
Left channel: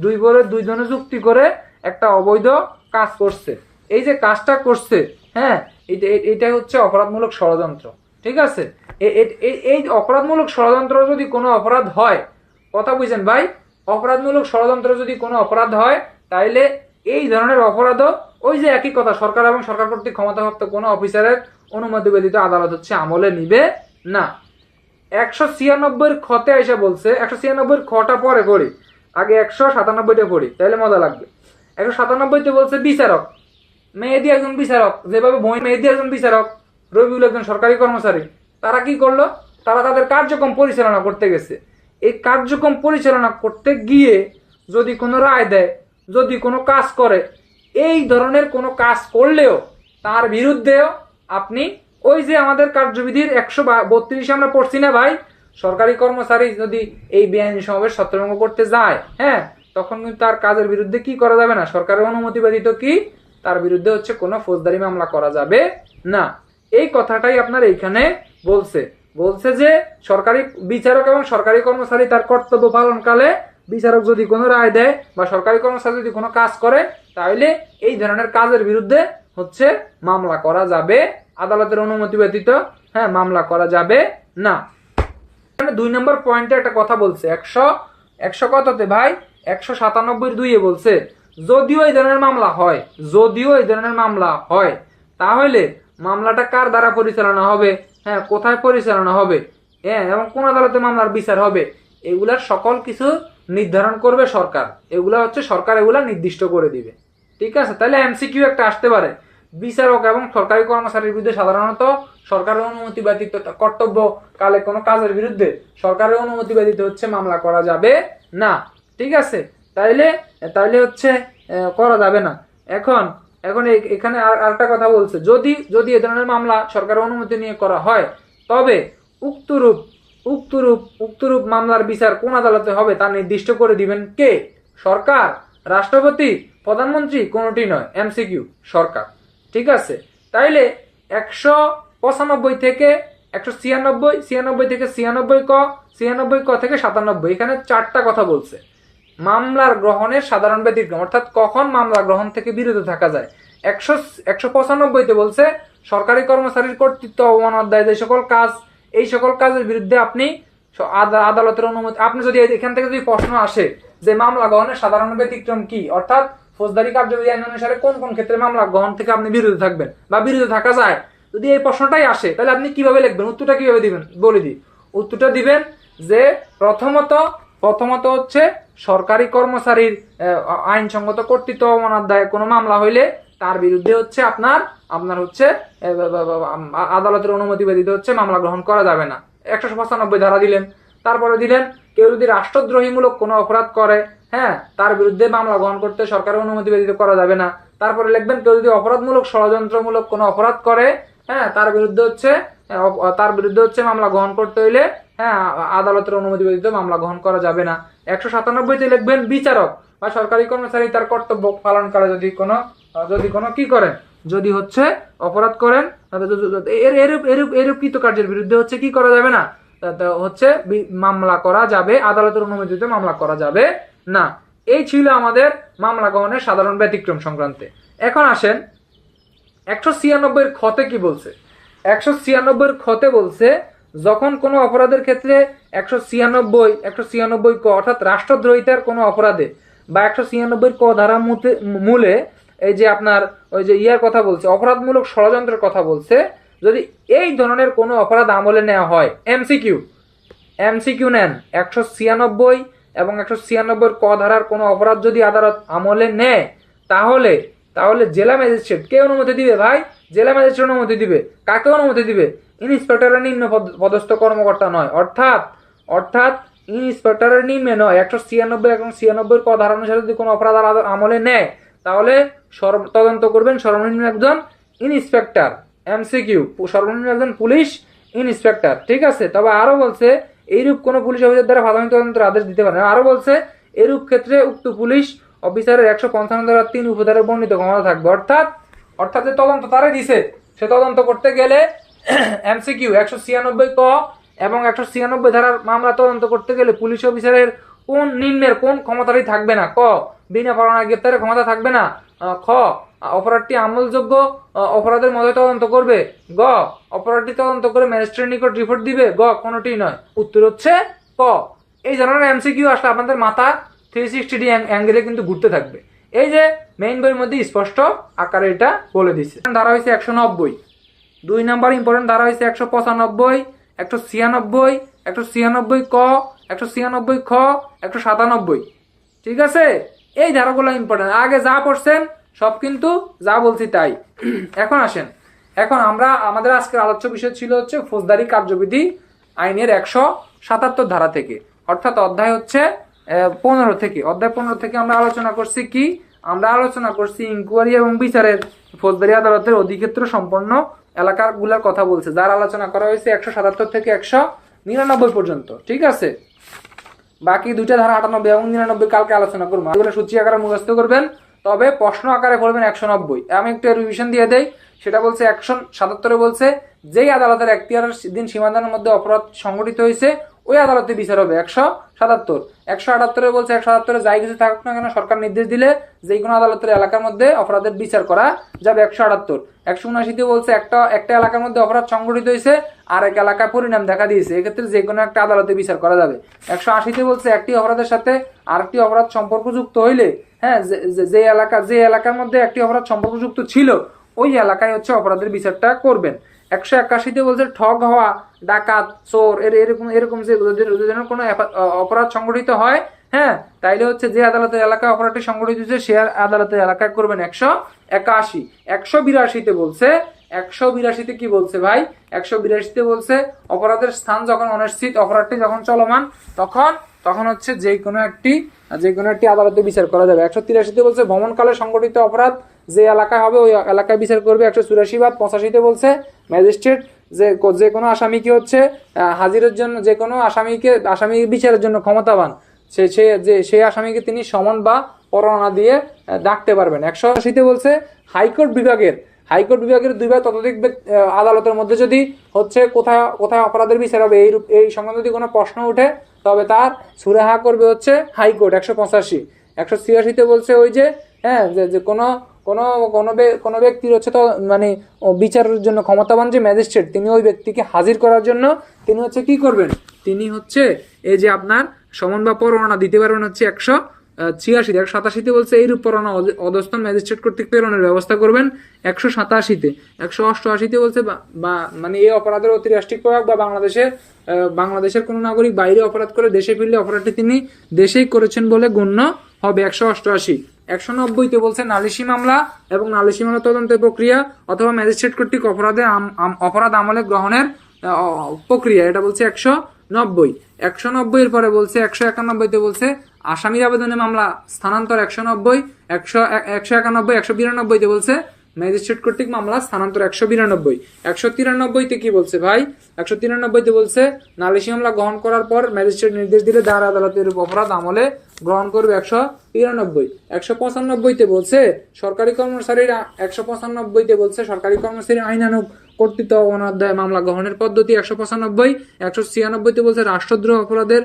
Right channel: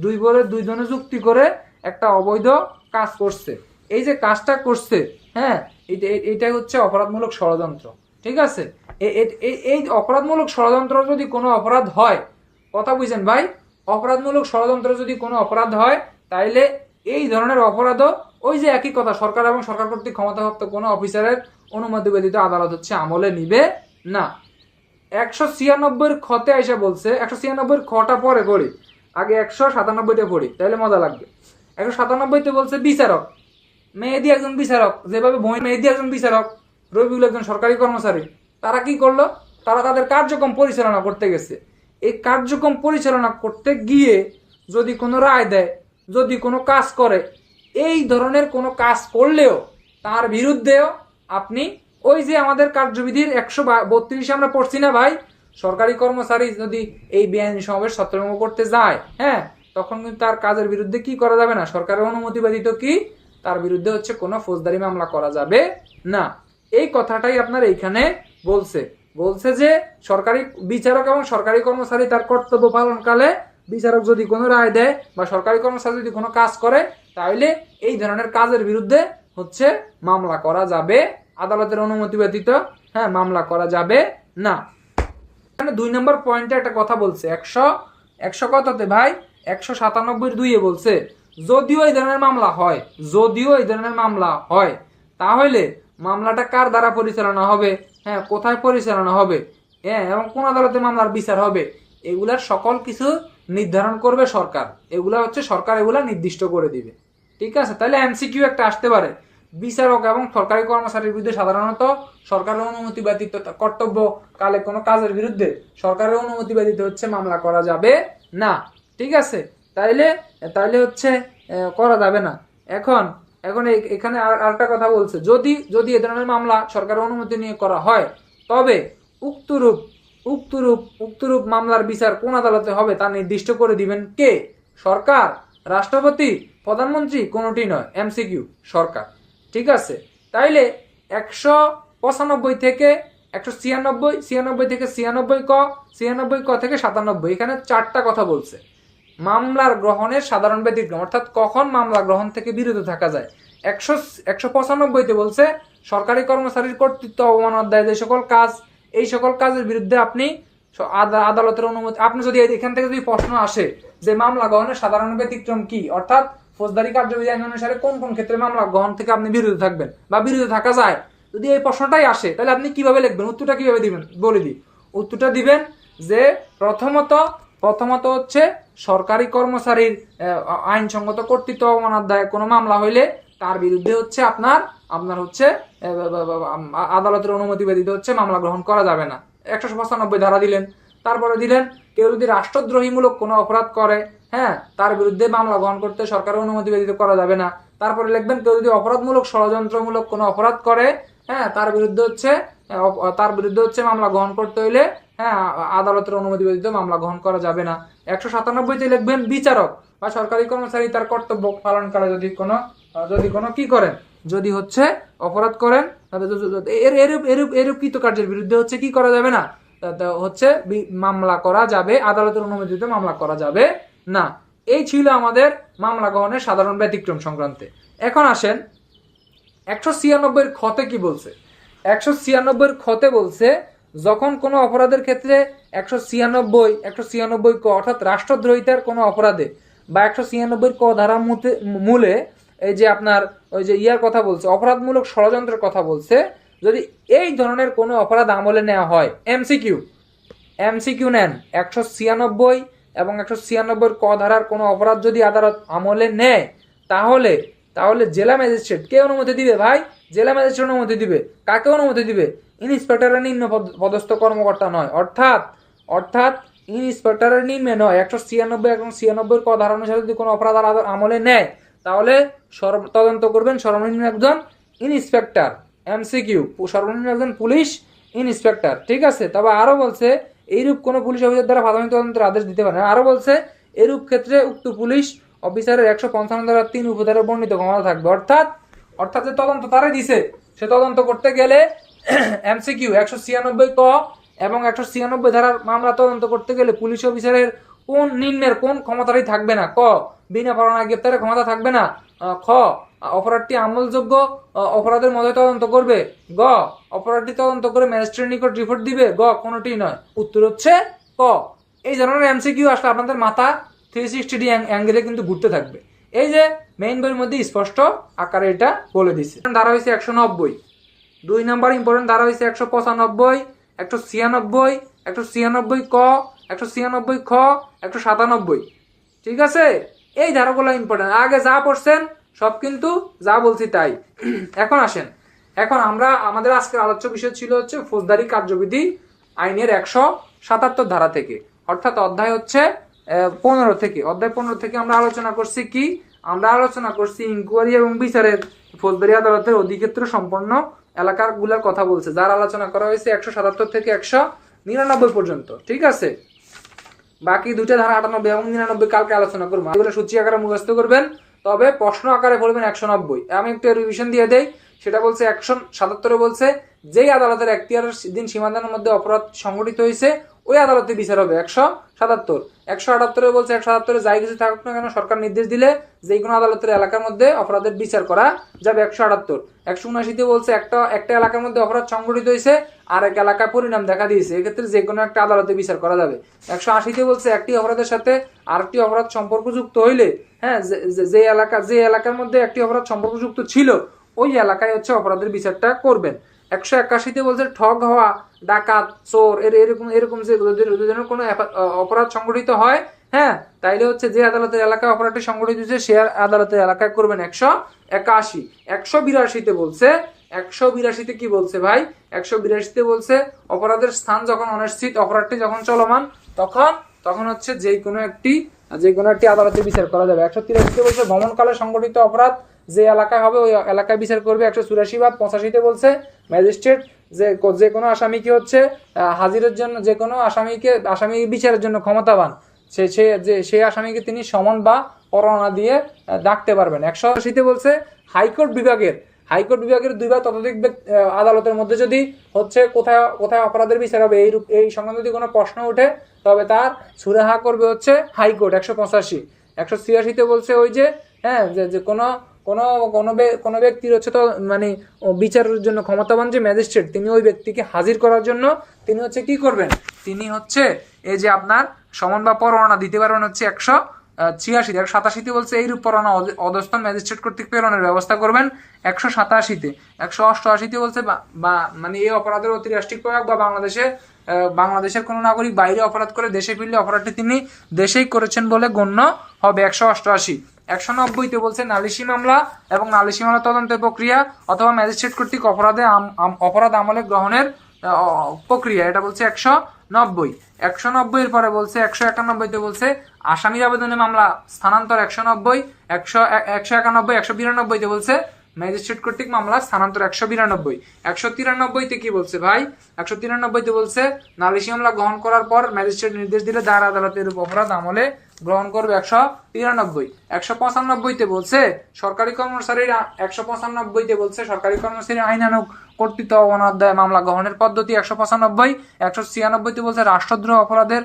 দুইজনে যুক্তি করে একটা অবৈধ কাজ করছে, এই যে কাজটা করছে, হ্যাঁ, এটাই হচ্ছে অপরাধমূলক ষড়যন্ত্র। ঠিক আছে, এই অপরাধমূলক ষড়যন্ত্র যদি কোনো অপরাধ হয়, কথা বুঝছেন ভাই, অপরাধমূলক ষড়যন্ত্র যদি কোনো অপরাধ হয়, তাইলে এই ধরনের অপরাধও ওই যে একই কথা, সরকার এবং সরকার কর্তৃক ক্ষমতাপ্রাপ্ত কোনো অফিসারের অনুমতি ব্যতীত আদালত হচ্ছে আমলে নিবে না। 196-র খতে এসে বলছে, 196-র খটা পরে পড়ি, আগে 197-টা পড়ি, তাইলে মজা লাগবে। 197-তে বলছে বিচারক, মেহেদী একজন বিচারক, যেভাবে মেহেদী একজন বিচারক, রবিউল একজন সরকারি কর্মচারী, তারা কি করলো, তারা তাদের কার্যক্রম পরিচালনা করতে গেছে। এই কার্যক্রম পরিচালনা করতে গিয়ে যদি কোনো রায় দেয়, যদি কোনো কাজ করে, এই ধরনের কোনো কাজ করলেও তার বিরুদ্ধেও আপনি ওই যে আমাদের কার্যবিধির 132 আমরা পড়ছি না ভাই, সরকারি কর্মচারী যদি এই বেআইনি সমাবেশ ছত্রভঙ্গ করতে যায়, হ্যাঁ, তখন কিন্তু তার কাজের বিরুদ্ধে কি করা যাবে না, সরকারের অনুমতি ব্যতীত কি তার বিরুদ্ধে হচ্ছে কোনো ফৌজদারি মামলা করা যাবে না। এই কথাটাই আপনার এইখানে বলছে যে সরকারি বিচারক এবং সরকারি কর্মচারী তার কর্তব্য পালনকালে বিচারক যদি কোনো রায় দেয় বা সরকারি কর্মচারী যদি কোনো কাজ করে, তাহলে এই ধরনের কাজের বিরুদ্ধে হচ্ছে মামলা করা যাবে, আদালতের অনুমতি ব্যতীত, হ্যাঁ, মামলা করা যাবে না। 2 নম্বর পয়েন্টে একটা কথা বলছে, 100 কততে ভাই, 197-2-এ বলছে যদিও এই ধরনের মামলা হয়, তাহলে মামলাটা কার দ্বারা পরিচালনা হবে, হ্যাঁ, কোথায় পরিচালনা হবে, হ্যাঁ, এবং কোন আদালতে মামলার বিচার হবে, এগুলার সকল কিছু নির্ধারণ করবে সরকার। এগুলা হচ্ছে সরকার এগুলা নির্দিষ্ট করে দিবে। ঠিক আছে, তাহলে এমসিকিউ একটা আসতে পারে, বিচারক এবং সরকারি কর্মচারীর বিরুদ্ধে সাধারণত সরকারের অনুমতি ব্যতীত কর্তব্য কালে কোনো কাজের বিরুদ্ধে সরকারের অনুমতি ব্যতীত হচ্ছে মামলা করা যাবে না। ঠিক আছে, তাইলে হচ্ছে করা যাবে না। এখন এখানে আরেকটা কথা বলছে, যদি এ ধরনের মামলা সরকারের অনুমতি নিয়ে করা হয়, তবে উক্তরূপ মামলার বিচার কোন আদালতে হবে তা নির্দিষ্ট করে দিবেন কে? সরকার, রাষ্ট্রপতি, প্রধানমন্ত্রী, কোনটি নয়, এমসিকিউ, সরকার। ঠিক আছে, তাইলে 195 থেকে 196 থেকে 96 ক থেকে 97, এখানে 4টা কথা বলছে। মামলার গ্রহণের সাধারণ ব্যতিক্রম, অর্থাৎ কখন মামলা গ্রহণ থেকে বিরত থাকা যায়। 195-তে বলছে সরকারি কর্মচারীর কর্তৃত্ব অবমান অধ্যায় এই সকল কাজের বিরুদ্ধে আপনি আদালতের অনুমতি, আপনি যদি এখান থেকে যদি প্রশ্ন আসে যে মামলা গ্রহণের সাধারণ ব্যতিক্রম কি, অর্থাৎ ফৌজদারি কার্যবিধি আইন অনুসারে কোন কোন ক্ষেত্রে মামলা গ্রহণ থেকে আপনি বিরত থাকবেন বা বিরত থাকা যায়, যদি এই প্রশ্নটাই আসে, তাহলে আপনি কিভাবে লিখবেন, উত্তরটা কিভাবে দিবেন বলে দিই। উত্তরটা দিবেন যে প্রথমত প্রথমত হচ্ছে সরকারি কর্মচারীর আইনসঙ্গত কর্তৃত্ব অবমাননার কোনো মামলা হইলে তার বিরুদ্ধে হচ্ছে আপনার হচ্ছে আদালতের অনুমতি ব্যতীত হচ্ছে মামলা গ্রহণ করা যাবে না, 195 ধারা দিলেন। তারপরে দিলেন কেউ যদি রাষ্ট্রদ্রোহীমূলক কোনো অপরাধ করে, হ্যাঁ, তার বিরুদ্ধে মামলা গ্রহণ করতে সরকারের অনুমতি ব্যতীত করা যাবে না। তারপরে লিখবেন কেউ যদি অপরাধমূলক ষড়যন্ত্রমূলক কোনো অপরাধ করে, হ্যাঁ, তার বিরুদ্ধে হচ্ছে মামলা গ্রহণ করতে হইলে, হ্যাঁ, আদালতের অনুমতি ব্যতীত মামলা গ্রহণ করা যাবে না। 197তে লিখবেন বিচারক বা সরকারি কর্মচারী তার কর্তব্য পালন করে যদি কোনো কি করেন, যদি হচ্ছে অপরাধ করেন, এরূপ কৃতকার্যের বিরুদ্ধে হচ্ছে কি করা যাবে না, হচ্ছে মামলা করা যাবে, আদালতের অনুমতিতে মামলা করা যাবে না। এই ছিল আমাদের মামলা গ্রহণের সাধারণ ব্যতিক্রম সংক্রান্তে। এখন আসেন 196 খতে কি বলছে। 196 খতে বলছে যখন কোনো অপরাধের ক্ষেত্রে 196 ক অর্থাৎ রাষ্ট্রদ্রোহিতার কোনো অপরাধে বা 196 ক ধারা মূলে এই যে আপনার ওই যে ইয়ার কথা বলছে, অপরাধমূলক ষড়যন্ত্রের কথা বলছে, যদি এই ধরনের কোনো অপরাধ আমলে নেওয়া হয়, এমসিকিউ নেন 196 এবং 196 ক ধারার কোনো অপরাধ যদি আদালত আমলে নেয়, তাহলে জেলা ম্যাজিস্ট্রেট কে অনুমতি দিবে ভাই? জেলা ম্যাজিস্ট্রেট অনুমতি দিবে। কাকে অনুমতি দিবে? ইন্সপেক্টরের নিম্ন পদস্থ কর্মকর্তা নয়, অর্থাৎ ইন্সপেক্টরের নিম্নে নয়। 196 এবং 96 ক ধারা অনুসারে যদি কোনো অপরাধ আমলে নেয়, তাহলে তদন্ত করবেন সর্বনিম্ন একজন ইন্সপেক্টর, এমসিকিউ সর্বনিম্ন একজন পুলিশ ইন্সপেক্টর, ঠিক আছে। তবে আরো বলছে এইরূপ কোন পুলিশ অফিসার দ্বারা প্রাথমিক তদন্তের আদেশ দিতে পারে না। আরো বলছে এরূপ ক্ষেত্রে উক্ত পুলিশ অফিসারের 155 ধারা 3 উপধারা বর্ণিত ক্ষমতা থাকবে। অর্থাৎ যে তদন্ত তারা দিছে, সে তদন্ত করতে গেলে এমসিকিউ 196 ক এবং 196 ধারার মামলা তদন্ত করতে গেলে পুলিশ অফিসারের নিম্নের কোন ক্ষমতাটাই থাকবে না। ক, বিনা পরোয়ানায় গ্রেপ্তারের ক্ষমতা থাকবে না। খ, অপরাধটি আমলযোগ্য অপরাধের মধ্যে তদন্ত করবে। গ, অপরাধটি তদন্ত করে ম্যাজিস্ট্রেটের নিকট রিপোর্ট দিবে। গ, কোনটি নয়। উত্তর হচ্ছে ক। এই ধরনের এমসিকিউ আসলে আপনাদের মাথা 360 ডিগ্রি অ্যাঙ্গেলে কিন্তু ঘুরতে থাকবে। এই যে মেইন বইয়ের মধ্যে স্পষ্ট আকারে এটা বলে দিচ্ছে। ধারা হয়েছে 190, 2 নম্বর ইম্পর্টেন্ট ধারা হয়েছে 195, 196, 196 ক, 196 খ, 197, ঠিক আছে। এই ধারাগুলো ইম্পর্টেন্ট, আগে যা পড়ছেন সব কিন্তু যা বলছি তাই। এখন আসেন, আমরা আমাদের আজকের আলোচ্য বিষয় ছিল হচ্ছে ফৌজদারি কার্যবিধি আইনের 177 ধারা থেকে, অর্থাৎ অধ্যায় হচ্ছে 15 থেকে। অধ্যায় 15 থেকে আমরা আলোচনা করছি কি? আমরা আলোচনা করছি ইনকোয়ারি এবং বিচারের ফৌজদারি আদালতের অধিক্ষেত্র সম্পন্ন এলাকার গুলার কথা বলছে, যার আলোচনা করা হয়েছে 177 থেকে 199 পর্যন্ত, ঠিক আছে। বাকি দুইটা ধারা 98 এবং 99 কালকে আলোচনা করবো। এগুলো সূচি আকারে মুখস্থ করবেন, তবে প্রশ্ন আকারে পড়বেন 190। আমি একটু রিভিশন দিয়ে দেই। সেটা বলছে 177 বলছে যেই আদালতের এখতিয়ারের দিন সীমাদানের মধ্যে অপরাধ সংঘটিত হয়েছে ওই আদালতে বিচার হবে 177। 178 বলছে 177 যাই কিছু থাকুক না কেন সরকার নির্দেশ দিলে যে কোনো আদালতের এলাকার মধ্যে অপরাধের বিচার করা যাবে 178। 179 বলছে একটা এলাকার মধ্যে অপরাধ সংঘটিত হয়েছে আর এক এলাকায় পরিণাম দেখা দিয়েছে, এক্ষেত্রে যে কোনো একটা আদালতে বিচার করা যাবে। 180 বলছে একটি অপরাধের সাথে আরেকটি অপরাধ সম্পর্কযুক্ত হইলে, হ্যাঁ, যে এলাকার মধ্যে একটি অপরাধ সম্পর্কযুক্ত ছিল ওই এলাকায় হচ্ছে অপরাধের বিচারটা করবেন। 181 বলছে ঠগ হওয়া, ডাকাত, চোর এরকম যে কোনো অপরাধ সংগঠিত হয়, হ্যাঁ, তাইলে হচ্ছে যে আদালতের এলাকায় অপরাধটি সংগঠিত হয়েছে সে আদালতের এলাকায় করবেন 181। 182 বলছে, 182 কি বলছে ভাই? 182 বলছে অপরাধের স্থান যখন অনিশ্চিত, অপরাধটি যখন চলমান, তখন হচ্ছে যে কোনো একটি আদালতে বিচার করা যাবে। 183 বলছে ভ্রমণকালে সংগঠিত অপরাধ যে এলাকায় হবে ওই এলাকায় বিচার করবে। 184 বা 85 বলছে ম্যাজিস্ট্রেট যে কোনো আসামিকে হচ্ছে হাজিরের জন্য, যে কোনো আসামি বিচারের জন্য ক্ষমতাবান, সেই আসামিকে তিনি সমন বা পরোয়ানা দিয়ে ডাকতে পারবেন। 180 বলছে হাইকোর্ট বিভাগের 2 বা ততোধিক আদালতের মধ্যে যদি হচ্ছে কোথায় অপরাধের বিচার হবে এই সংক্রান্ত যদি কোনো প্রশ্ন ওঠে তবে তার সুরাহা করবে হচ্ছে হাইকোর্ট। 185। 186 বলছে ওই যে, হ্যাঁ, যে কোনো ব্যক্তির হচ্ছে তো মানে বিচারের জন্য ক্ষমতাবান যে ম্যাজিস্ট্রেট তিনি ওই ব্যক্তিকে হাজির করার জন্য তিনি হচ্ছে কি করবেন, তিনি হচ্ছে এই যে আপনার সমন বা পরোয়ানা দিতে পারবেন হচ্ছে 86, 187 বলছে এইরূপ পরোয়ানা অধস্তন ম্যাজিস্ট্রেট কর্তৃক প্রেরণের ব্যবস্থা করবেন। 187, 188 বলছে বা মানে এই অপরাধের অতি রাষ্ট্রিক প্রয়োগ বা বাংলাদেশের কোনো নাগরিক বাইরে অপরাধ করে দেশে ফিরলে অপরাধটি তিনি দেশেই করেছেন বলে গণ্য হবে। 188, 190 বলছে নালিশি মামলা এবং নালিশি মামলা তদন্তের প্রক্রিয়া অথবা ম্যাজিস্ট্রেট কর্তৃক অপরাধ আমলে গ্রহণের প্রক্রিয়া, এটা বলছে 190। 190 এর পরে বলছে 191 বলছে আসামির আবেদনে মামলা স্থানান্তর। 190, 191, 192 বলছে ম্যাজিস্ট্রেট কর্তৃক মামলা স্থানান্তর। 192, 193 কি বলছে ভাই? 193 বলছে নালিশি মামলা গ্রহণ করার পর ম্যাজিস্ট্রেট নির্দেশ দিলে দাঁড় আদালতের অপরাধ আমলে গ্রহণ করবে। 193, 195 বলছে সরকারি কর্মচারীর 195 বলছে সরকারি কর্মচারী আইনানুগ কর্তৃত্ব অনাদায়ে মামলা গ্রহণের পদ্ধতি। 195, 196 বলছে রাষ্ট্রদ্রোহ অপরাধের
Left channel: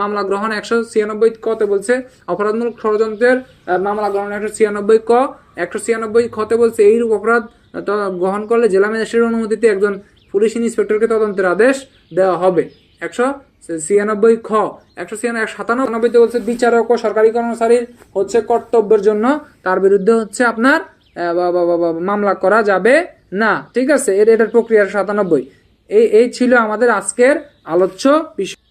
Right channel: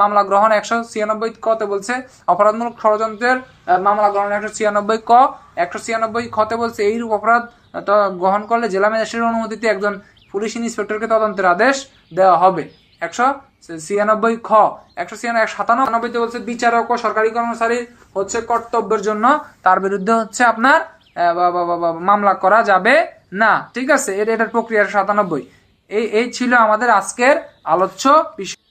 মামলা গ্রহণ। 196 কতে বলছে অপরাধমূলক ষড়যন্ত্রের মামলা গ্রহণ। 196 ক। 196 খতে বলছে এইরূপ অপরাধ গ্রহণ করলে জেলা ম্যাজিস্ট্রেটের অনুমতিতে একজন পুলিশ ইন্সপেক্টরকে তদন্তের আদেশ দেওয়া হবে। 196 খ। 197 বলছে বিচারক ও সরকারি কর্মচারীর হচ্ছে কর্তব্যের জন্য তার বিরুদ্ধে হচ্ছে আপনার মামলা করা যাবে না। ঠিক আছে, এটার প্রক্রিয়া। 97, এই ছিল আমাদের আজকের আলোচ্য বিষয়।